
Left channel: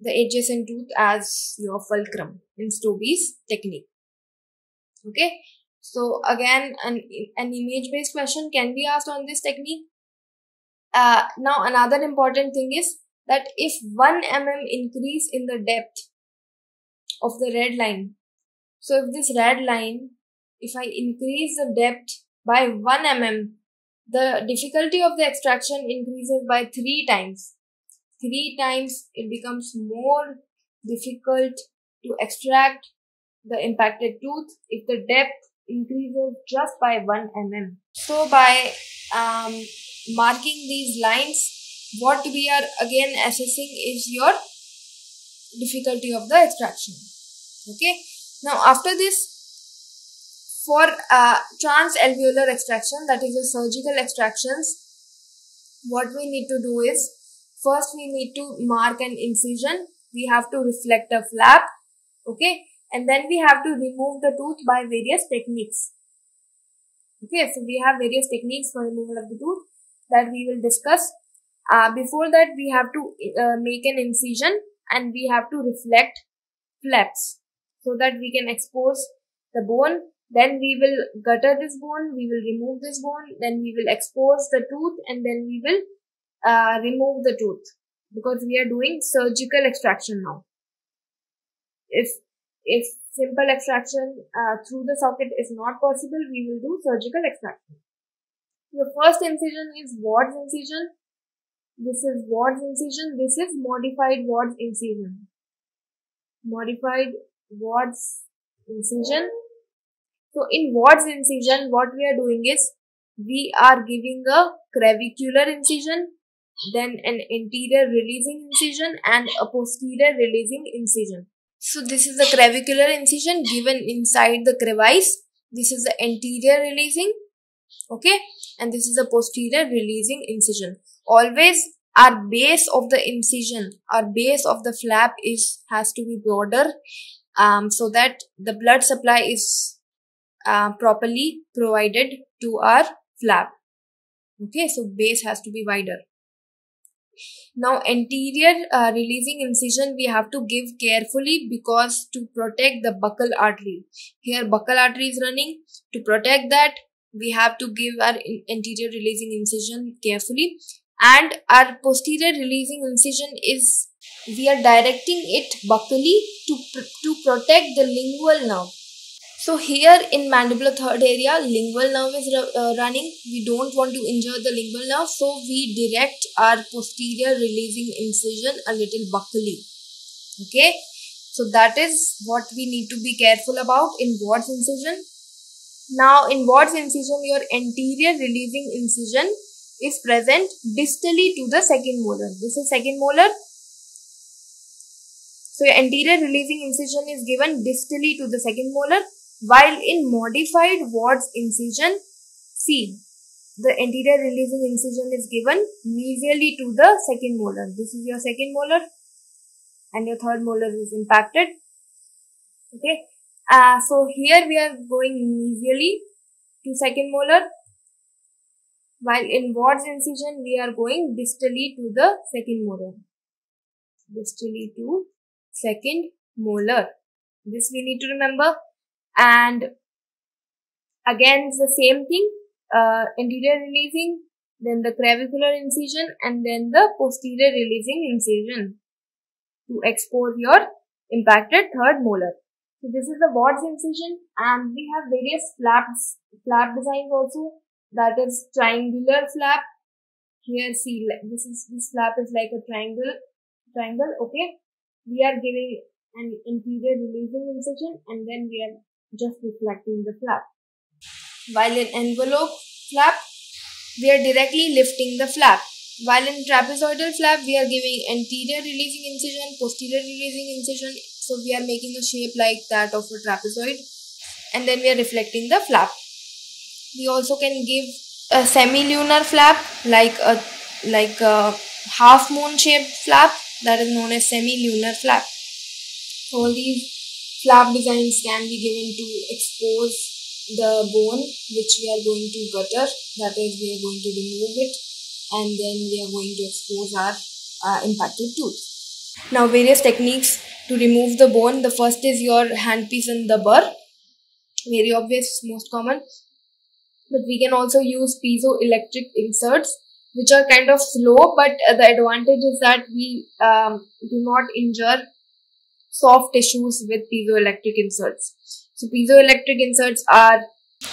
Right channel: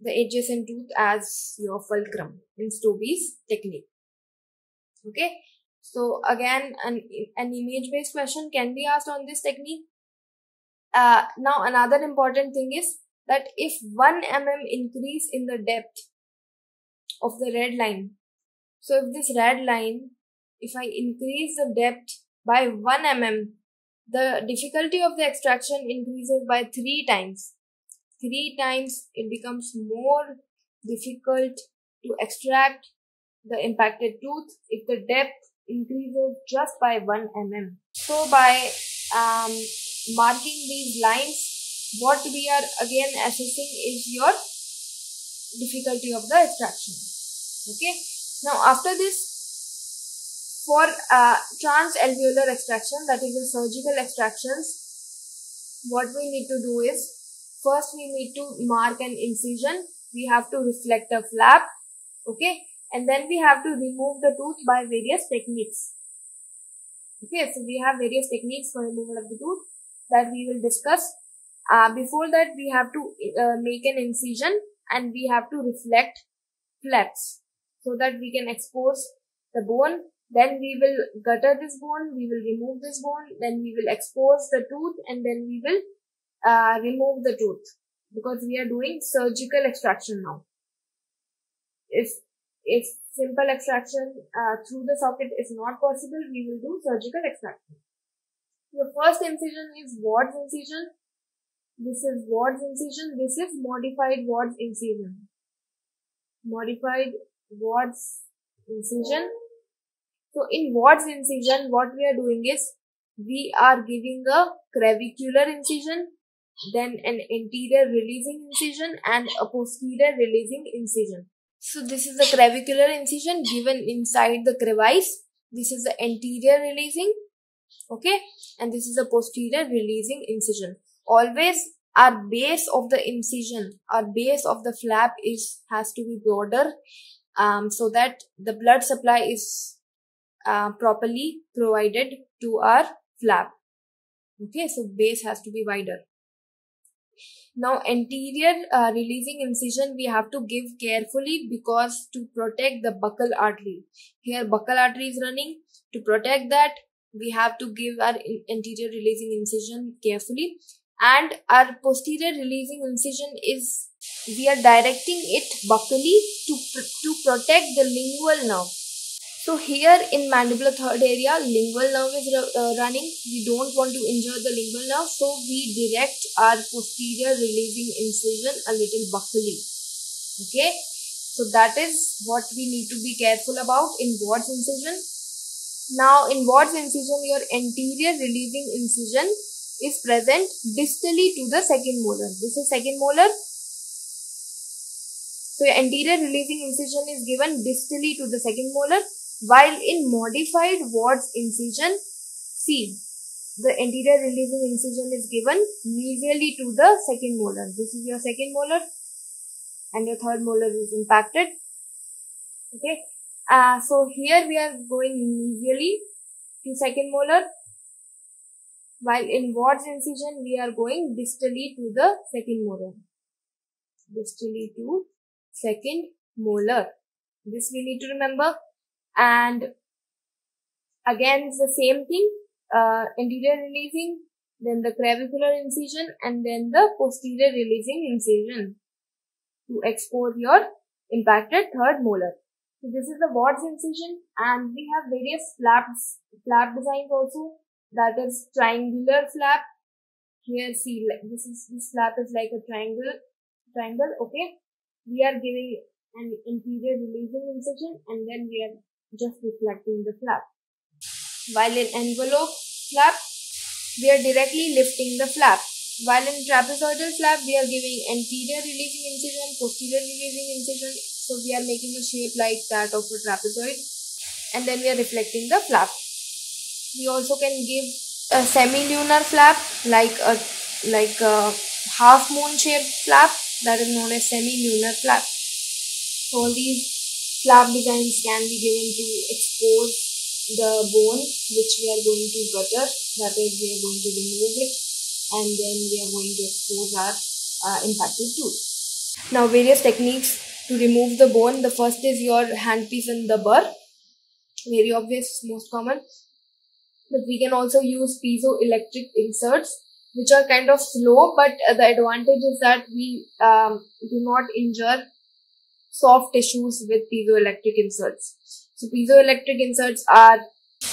the adjacent tooth as your fulcrum in Stobbe's technique. Okay. So again, an image-based question can be asked on this technique. Now another important thing is that if 1 mm increase in the depth of the red line, so if this red line, if I increase the depth by 1 mm, the difficulty of the extraction increases by 3 times. 3 times it becomes more difficult to extract the impacted tooth if the depth increases just by 1 mm. So by marking these lines, what we are again assessing is your difficulty of the extraction. Okay. Now after this, for transalveolar extraction, that is the surgical extractions, what we need to do is, first we need to mark an incision. We have to reflect a flap. Okay. And then we have to remove the tooth by various techniques. Okay, so we have various techniques for removal of the tooth that we will discuss. Before that, we have to make an incision and we have to reflect flaps so that we can expose the bone. Then we will gutter this bone, we will remove this bone, then we will expose the tooth, and then we will remove the tooth, because we are doing surgical extraction now. If simple extraction through the socket is not possible, we will do surgical extraction. The first incision is Ward's incision. This is Ward's incision. This is modified Ward's incision. Modified Ward's incision. So in Ward's incision, what we are doing is, we are giving a clavicular incision, then an anterior releasing incision and a posterior releasing incision. So this is the clavicular incision given inside the crevice. This is the anterior releasing, okay, and this is the posterior releasing incision. Always our base of the incision, our base of the flap has to be broader, so that the blood supply is properly provided to our flap. Okay, so base has to be wider. Now anterior releasing incision we have to give carefully, because to protect the buccal artery. Here buccal artery is running. To protect that, we have to give our anterior releasing incision carefully. And our posterior releasing incision is, we are directing it buccally to protect the lingual nerve. So here in mandibular third area, lingual nerve is running. We don't want to injure the lingual nerve, so we direct our posterior releasing incision a little buccally. Okay, so that is what we need to be careful about in Ward's incision. Now in Ward's incision, your anterior releasing incision is present distally to the second molar. This is second molar. So your anterior releasing incision is given distally to the second molar. While in modified Ward's incision, see, the anterior releasing incision is given medially to the second molar. This is your second molar and your third molar is impacted. Okay. So here we are going medially to second molar, while in Watt's incision we are going distally to the second molar. Distally to second molar. This we need to remember. And again it's the same thing. Anterior releasing, then the clavicular incision, and then the posterior releasing incision to expose your impacted third molar. So this is the Watt's incision, and we have various flap designs also. That is triangular flap. Here see, this flap is like a triangle. Okay, we are giving an anterior releasing incision, and then we are just reflecting the flap. While in envelope flap, we are directly lifting the flap. While in trapezoidal flap, we are giving anterior releasing incision, posterior releasing incision. So we are making a shape like that of a trapezoid, and then we are reflecting the flap. We also can give a semi-lunar flap, like a half moon shaped flap, that is known as semi-lunar flap. All these flap designs can be given to expose the bone which we are going to gutter, that is we are going to remove it, and then we are going to expose our impacted tooth. Now various techniques to remove the bone. The first is your handpiece and the burr. Very obvious, most common. But we can also use piezoelectric inserts, which are kind of slow, but the advantage is that we do not injure soft tissues with piezoelectric inserts. So piezoelectric inserts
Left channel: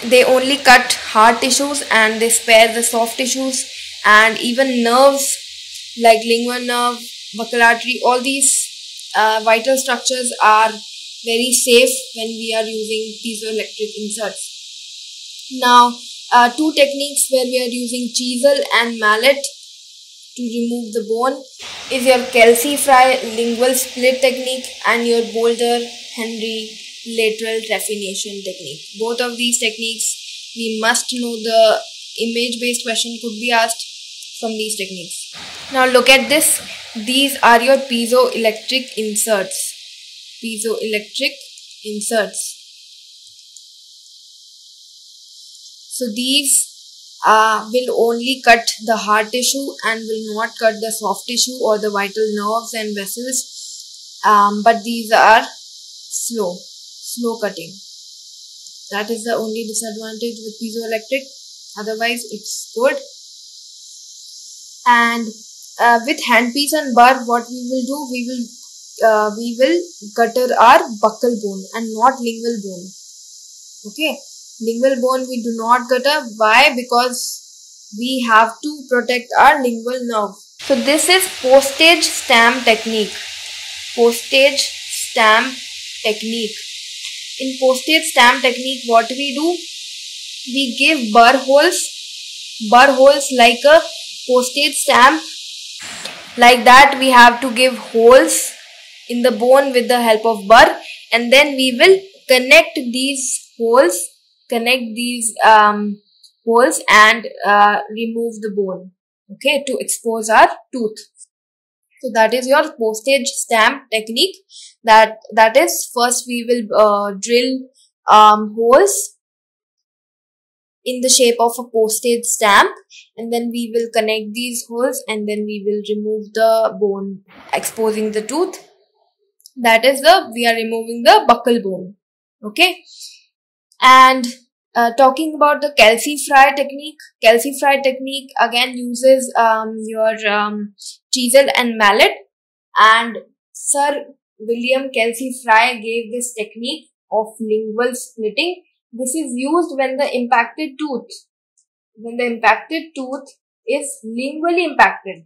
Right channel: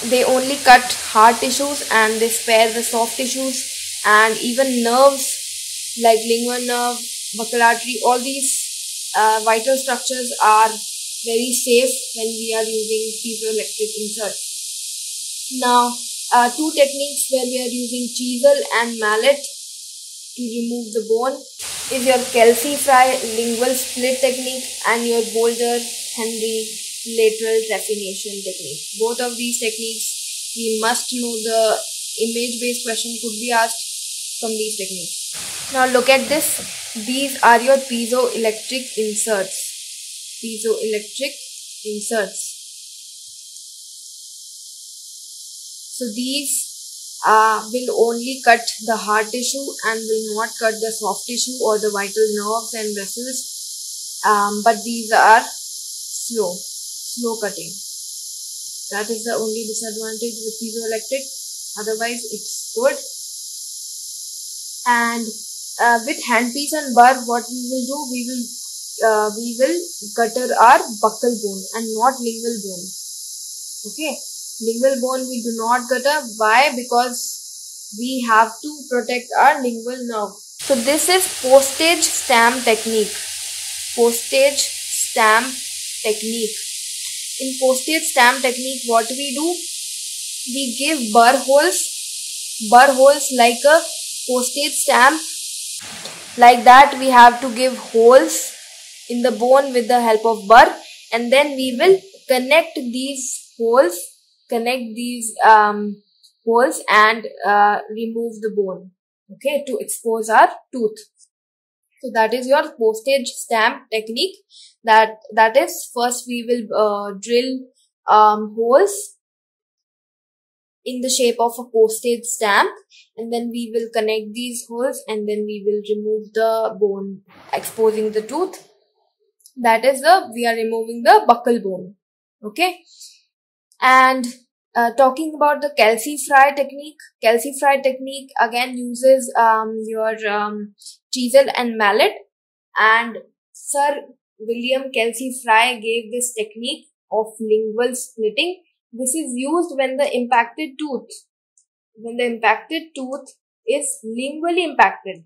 they only cut hard tissues and they spare the soft tissues, and even nerves like lingual nerve, buccal artery, all these vital structures are very safe when we are using piezoelectric inserts. Now, two techniques where we are using chisel and mallet to remove the bone is your Kelsey-Fry lingual split technique and your Boulder-Henry lateral trephination technique. Both of these techniques, we must know. The image-based question could be asked from these techniques. Now look at this. These are your piezoelectric inserts. Piezoelectric inserts. So these will only cut the hard tissue and will not cut the soft tissue or the vital nerves and vessels. But these are slow cutting. That is the only disadvantage with piezoelectric. Otherwise, it's good. And with handpiece and burr, what we will do, we will gutter our buccal bone and not lingual bone. Okay. Lingual bone we do not gutter. Why? Because we have to protect our lingual nerve. So this is postage stamp technique. Postage stamp technique. In postage stamp technique, what we do? We give burr holes like a postage stamp. Like that, we have to give holes in the bone with the help of burr, and then we will connect these holes and remove the bone, okay, to expose our tooth. So that is your postage stamp technique. That is, first we will drill holes in the shape of a postage stamp, and then we will connect these holes, and then we will remove the bone, exposing the tooth. That is we are removing the buccal bone, okay. And talking about the Kelsey-Fry technique. Kelsey-Fry technique again uses your chisel and mallet, and Sir William Kelsey-Fry gave this technique of lingual splitting. This is used when the impacted tooth is lingually impacted.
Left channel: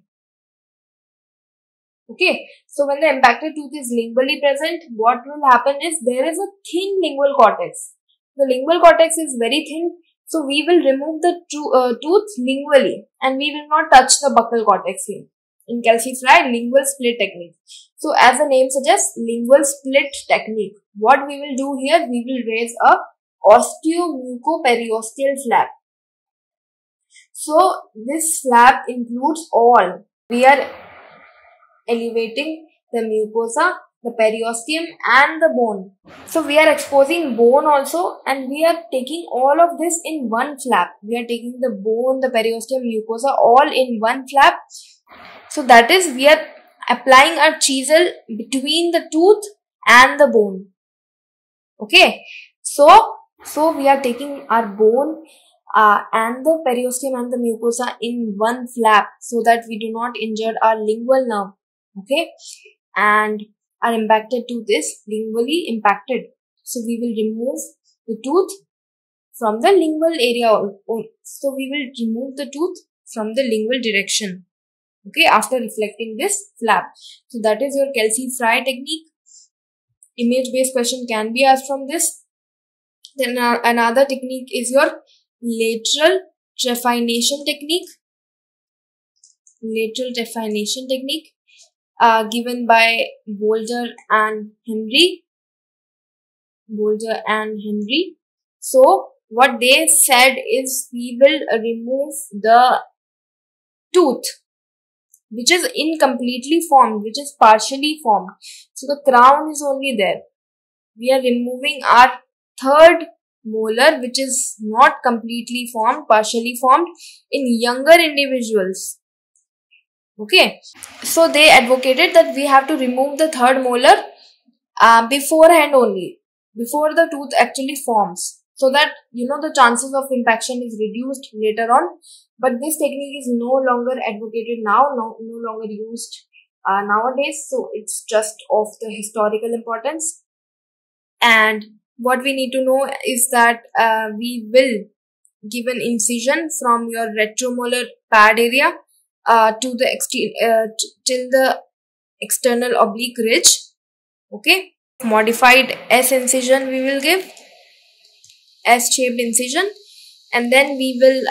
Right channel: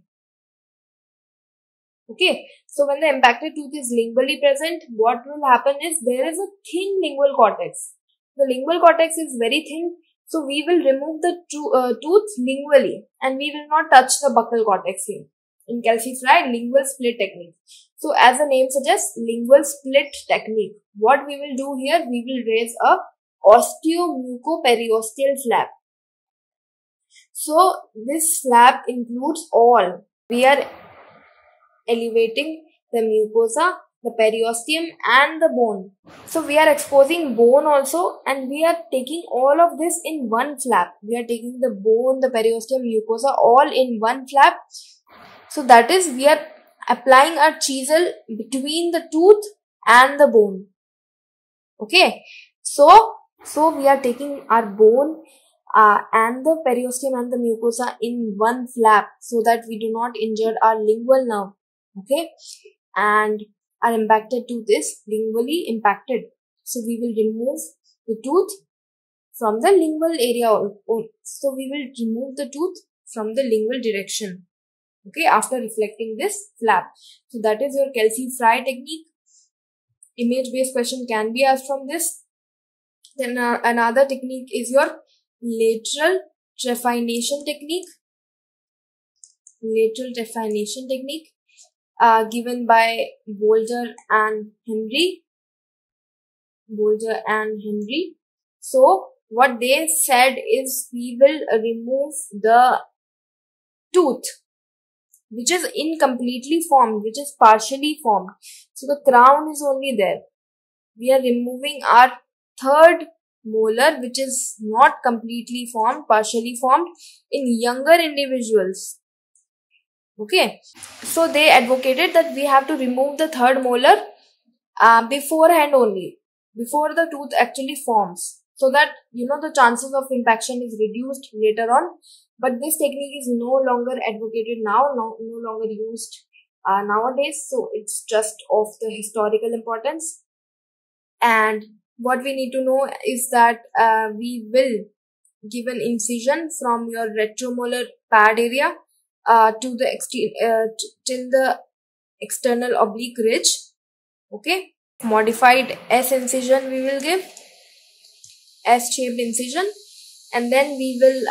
Okay, so when the impacted tooth is lingually present, what will happen is there is a thin lingual cortex. The lingual cortex is very thin, so we will remove the tooth lingually, and we will not touch the buccal cortex here. In Kelsey-Fry lingual split technique. So as the name suggests, lingual split technique. What we will do here, we will raise a osteomucoperiosteal flap. So this flap includes all. We are elevating the mucosa, the periosteum and the bone. So we are exposing bone also, and we are taking all of this in one flap. We are taking the bone, the periosteum, mucosa all in one flap. So that is, we are applying our chisel between the tooth and the bone. Okay, so we are taking our bone and the periosteum and the mucosa in one flap so that we do not injure our lingual nerve. Okay, and our impacted tooth is lingually impacted. So we will remove the tooth from the lingual area. So we will remove the tooth from the lingual direction. Okay, after reflecting this flap. So that is your Kelsey-Fry technique. Image-based question can be asked from this. Then another technique is your lateral trephination technique. Lateral trephination technique given by Bolger and Henry. Bolger and Henry. So what they said is we will remove the tooth which is incompletely formed, which is partially formed. So the crown is only there. We are removing our third molar which is not completely formed, partially formed in younger individuals. Okay, so they advocated that we have to remove the third molar beforehand only, before the tooth actually forms, so that the chances of impaction is reduced later on. But this technique is no longer advocated now, no longer used nowadays. So it's just of the historical importance. And what we need to know is that we will give an incision from your retromolar pad area to the till the external oblique ridge. Okay, modified S incision we will give, S-shaped incision, and then we will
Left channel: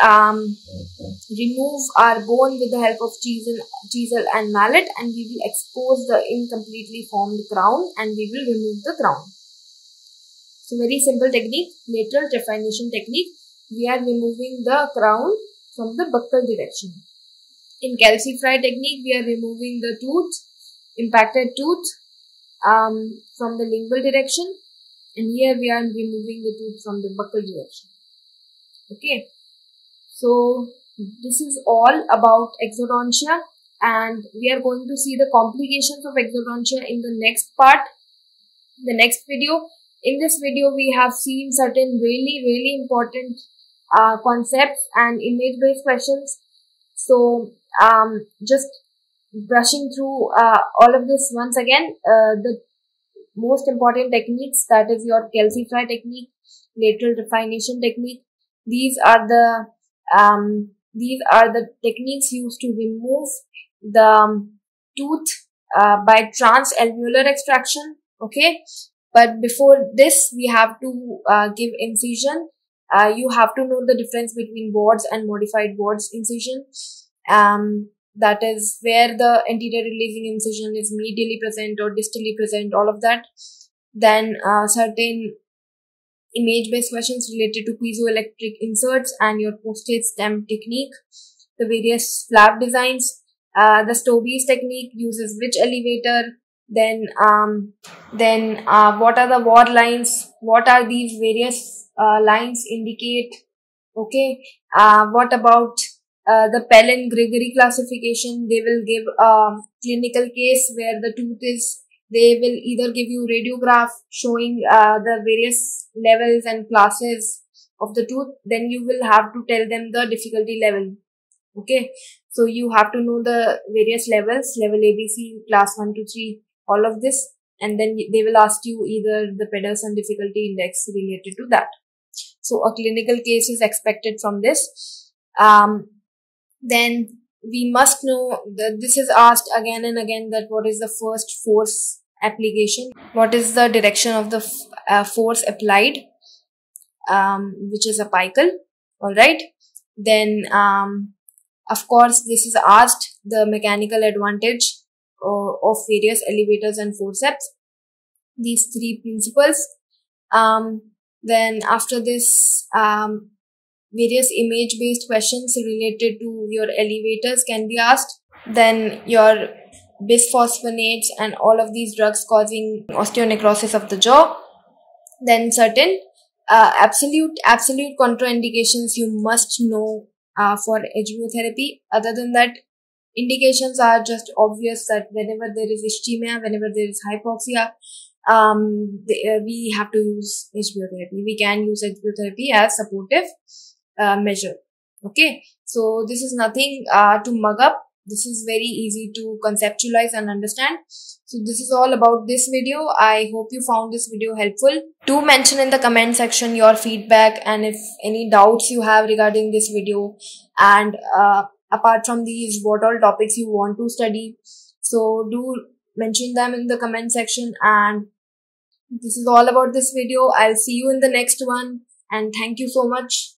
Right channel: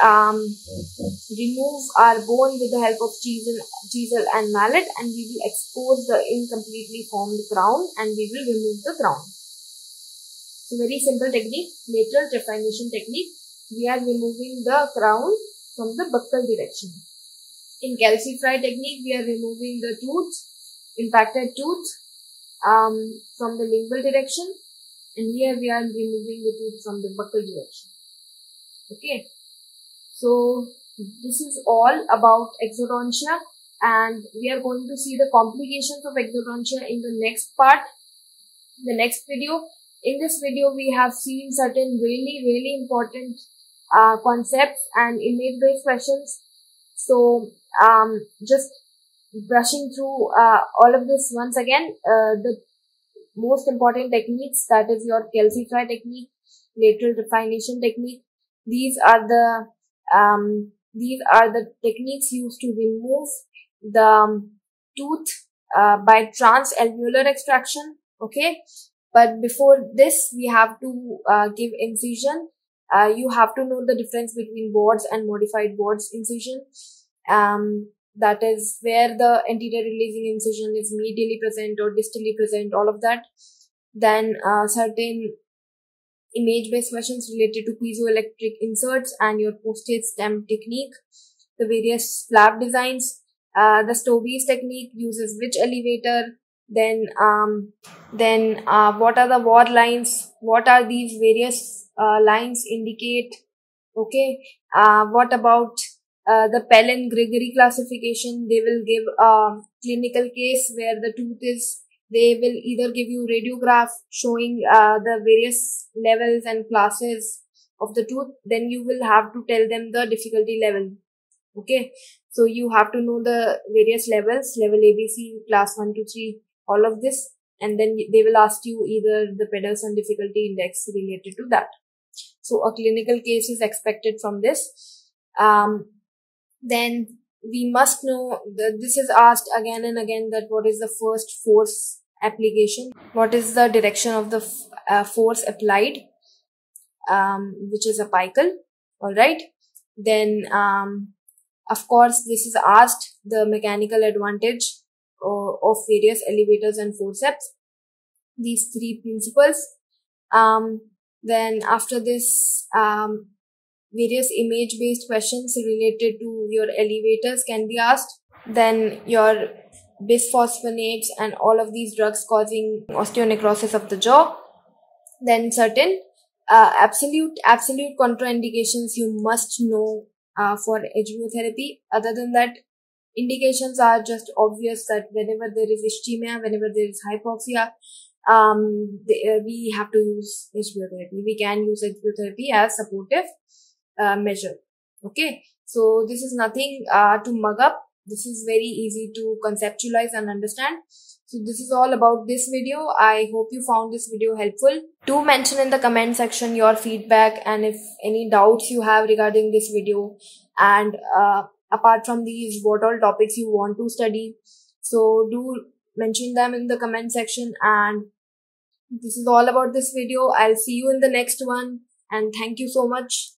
remove our bone with the help of chisel and mallet, and we will expose the incompletely formed crown, and we will remove the crown. So very simple technique, lateral trephination technique. We are removing the crown from the buccal direction. In Kelsey-Fry technique, we are removing the tooth, impacted tooth from the lingual direction, and here we are removing the tooth from the buccal direction. Okay, so this is all about exodontia, and we are going to see the complications of exodontia in the next part, the next video. In this video, we have seen certain really important concepts and image-based questions. So just brushing through all of this once again, the most important techniques, that is your Kelsey-Fry technique, lateral trephination technique. These are the techniques used to remove the tooth by transalveolar extraction. Okay, but before this, we have to give incision. You have to know the difference between Ward's and modified Ward's incision. That is where the anterior releasing incision is medially present or distally present, all of that. Then certain image-based questions related to piezoelectric inserts and your postage stamp technique, the various flap designs, the Stobie's technique uses which elevator, then what are the Ward lines, what are these various lines indicate. Okay, what about the Pellin-Gregory classification? They will give a clinical case where the tooth is, they will either give you radiograph showing the various levels and classes of the tooth. Then you will have to tell them the difficulty level. Okay, so you have to know the various levels, level ABC, class 1 to 3, all of this, and then they will ask you either the Pedersen difficulty index related to that. So a clinical case is expected from this. Then we must know that this is asked again and again, that what is the first force application, what is the direction of the force applied, which is apical. All right, then of course this is asked, the mechanical advantage of various elevators and forceps, these three principles. Then after this various image based questions related to your elevators can be asked. Then your bisphosphonates and all of these drugs causing osteonecrosis of the jaw. Then certain absolute contraindications you must know for HBO-therapy. Other than that, indications are just obvious that whenever there is ischemia, whenever there is hypoxia, we have to use HBO therapy. We can use HBO therapy as supportive measure. Okay, so this is nothing to mug up. This is very easy to conceptualize and understand. So this is all about this video. I hope you found this video helpful. Do mention in the comment section your feedback and if any doubts you have regarding this video, and apart from these, what all topics you want to study. So do mention them in the comment section. And this is all about this video. I'll see you in the next one, and thank you so much.